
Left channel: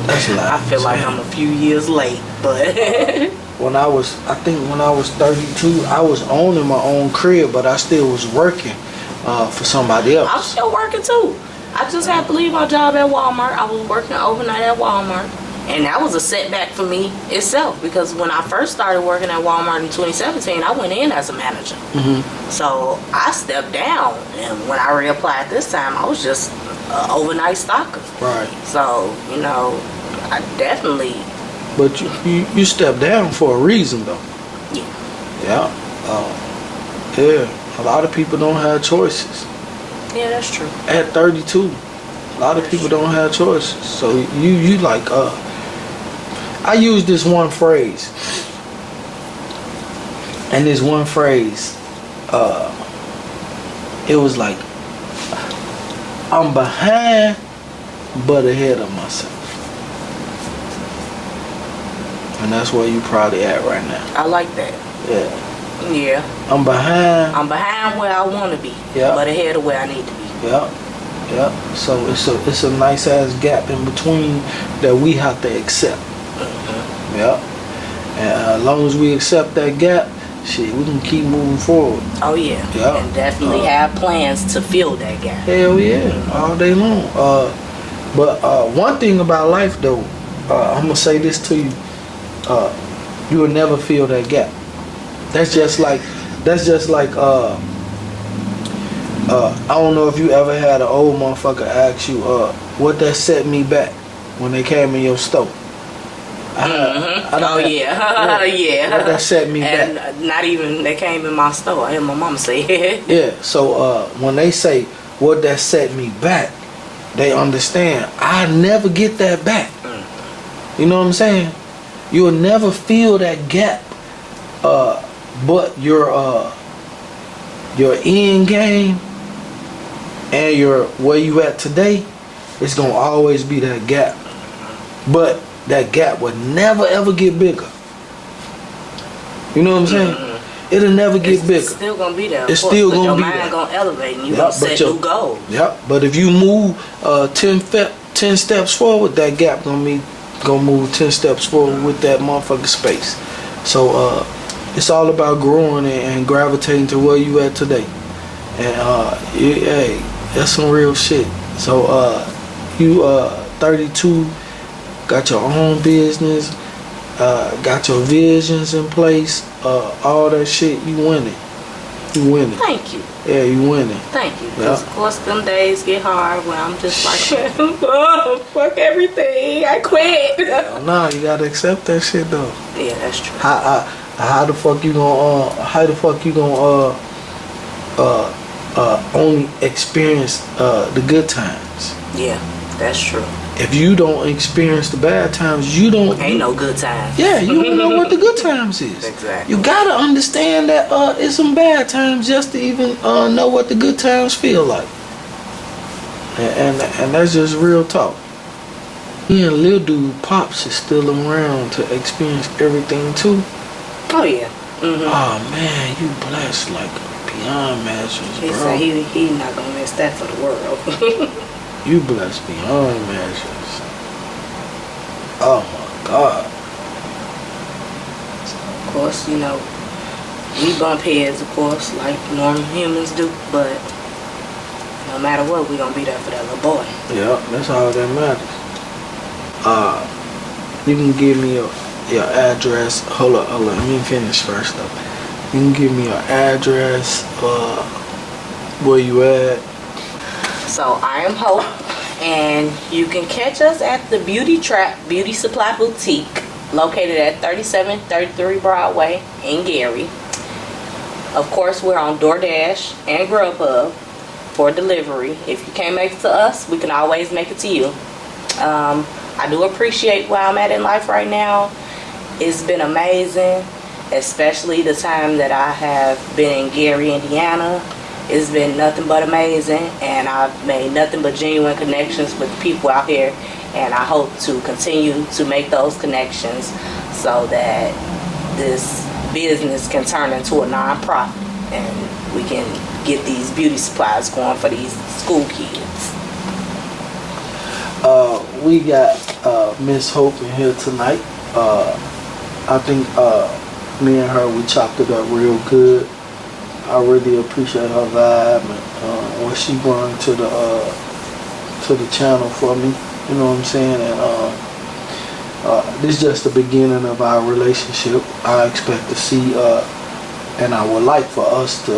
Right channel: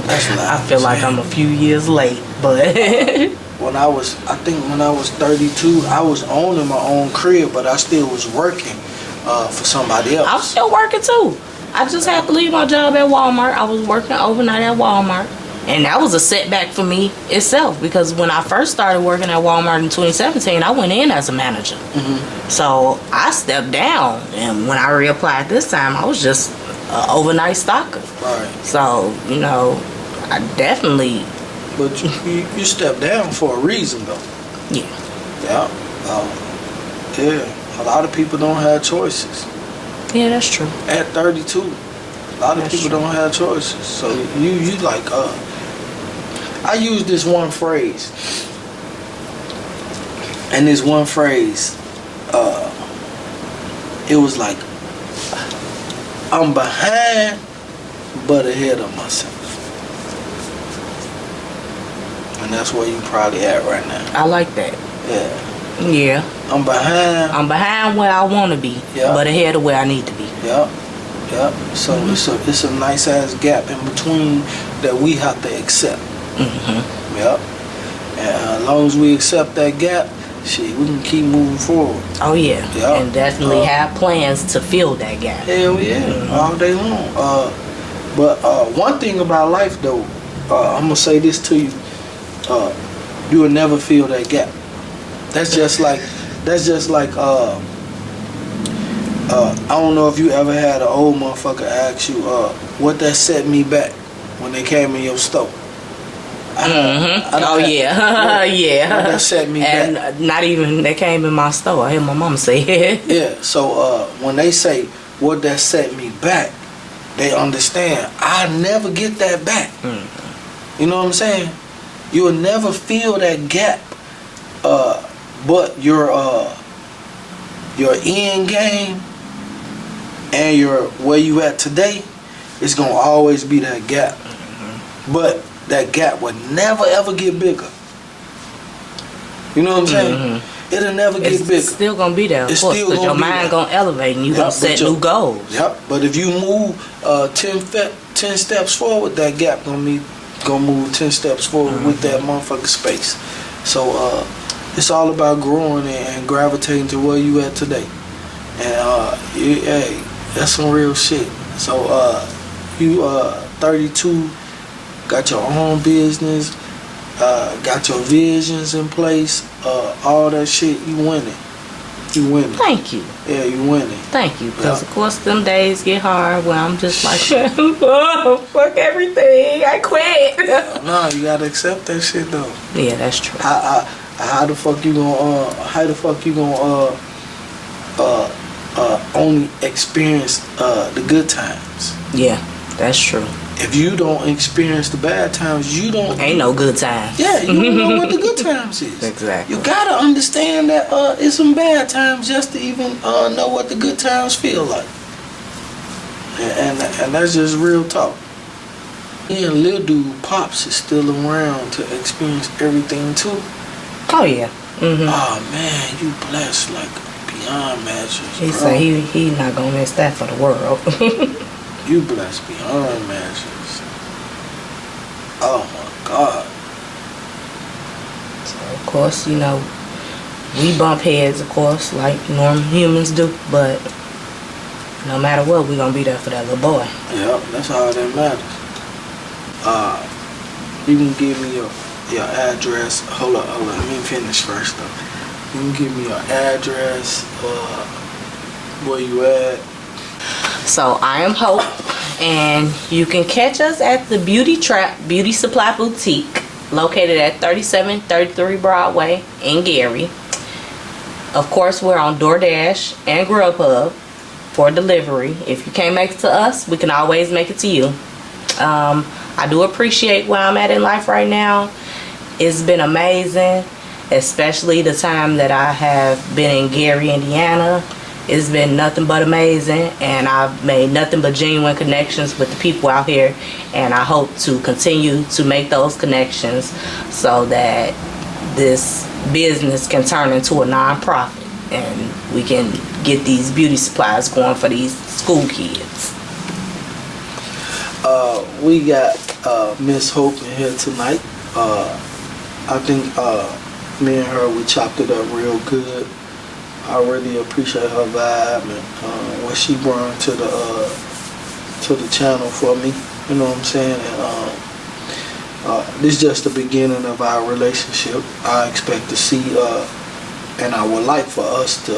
That's live. I feel like I'm a few years late, but when I was 32, I was owning my own crib, but I still was working for somebody else. I'm still working too. I just had to leave my job at Walmart. I was working overnight at Walmart. And that was a setback for me itself, because when I first started working at Walmart in 2017, I went in as a manager. So I stepped down, and when I reapplied this time, I was just an overnight stocker. Right. So, you know, I definitely... But you stepped down for a reason, though. Yeah. Yeah. Yeah. A lot of people don't have choices. Yeah, that's true. At 32, a lot of people don't have choices. So you like, I use this one phrase. And this one phrase, it was like, I'm behind, but ahead of myself. And that's where you probably at right now. I like that. Yeah. Yeah. I'm behind where I want to be, but ahead of where I need to be. Yeah. Yeah. So it's a nice ass gap in between that we have to accept. Yeah. And as long as we accept that gap, shit, we can keep moving forward. Oh yeah. Yeah. And definitely have plans to fill that gap. Hell yeah. All day long. But one thing about life though, I'm gonna say this to you. You will never fill that gap. That's just like I don't know if you ever had an old motherfucker ask you what that set me back when they came in your store. Yeah. What that set me and back. Not even they came in my store. I heard my mom say it. Yeah, so when they say what that set me back, they understand I never get that back. You know what I'm saying? You will never fill that gap, but your end game and your where you at today is gonna always be that gap. But that gap would never ever get bigger. You know what I'm saying? It'll never get bigger. It's still gonna be there. It's still gonna your be mind there. Gonna elevate and you gonna set new goals. Yep. But if you move 10 steps forward, that gap gonna move 10 steps forward with that motherfucking space. So it's all about growing and gravitating to where you at today. And hey, that's some real shit. So you 32, got your own business, got your visions in place, all that shit, you winning. You winning. Thank you. Yeah, you winning. Thank you. Because, of course, them days get hard when I'm just like, oh, fuck everything. I quit. No, you gotta accept that shit, though. Yeah, that's true. How the fuck you gonna, only experience the good times? Yeah, that's true. If you don't experience the bad times, you don't... Ain't no good times. Yeah, you don't know what the good times is. Exactly. You gotta understand that it's some bad times just to even know what the good times feel like. And that's just real talk. Me and Lil Dude Pops is still around to experience everything too. Oh, yeah. Oh, man, you blessed like a beyond measures, bro. He said he not gonna miss that for the world. You blessed beyond measures. Oh my God. So of course, you know, we bump heads, of course, like normal humans do, but no matter what, we gonna be there for that little boy. Yeah, that's all that matters. You can give me your address. Hold up, let me finish first though. You can give me your address, where you at. So I am Hope, and you can catch us at the Trappe Beauty Supply Boutique, located at 3733 Broadway in Gary. Of course, we're on DoorDash and Grubhub for delivery. If you can't make it to us, we can always make it to you. I do appreciate where I'm at in life right now. It's been amazing, especially the time that I have been in Gary, Indiana. It's been nothing but amazing, and I've made nothing but genuine connections with the people out here, and I hope to continue to make those connections so that this business can turn into a non-profit and we can get these beauty supplies going for these school kids. We got Miss Hope in here tonight. I think me and her, we chopped it up real good. I really appreciate her vibe and what she brought to the channel for me. You know what I'm saying? And this is just the beginning of our relationship. I expect to see, and I would like for us to,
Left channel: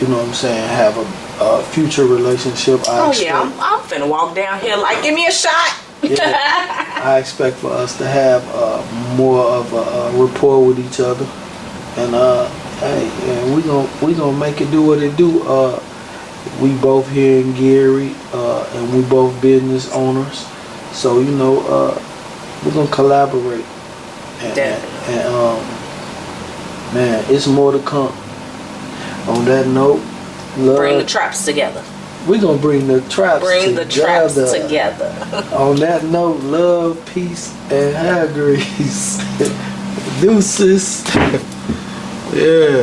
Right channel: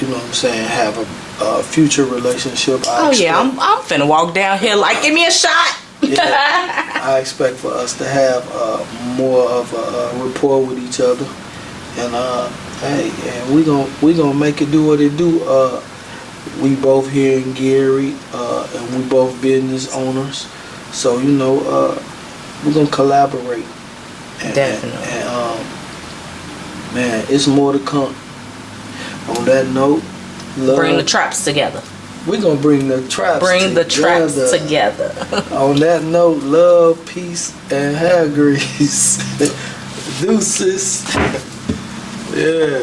you know what I'm saying, have a future relationship. I'm finna walk down here like, give me a shot. Yeah, I expect for us to have more of a rapport with each other, and hey, and we gonna make it do what it do. We both here in Gary, and we both business owners, so you know, we're gonna collaborate. Definitely. And man, it's more to come. On that note, love. Bring the traps together. We're going to bring the traps together. On that note, love, peace, and hair grease. Deuces. Yeah.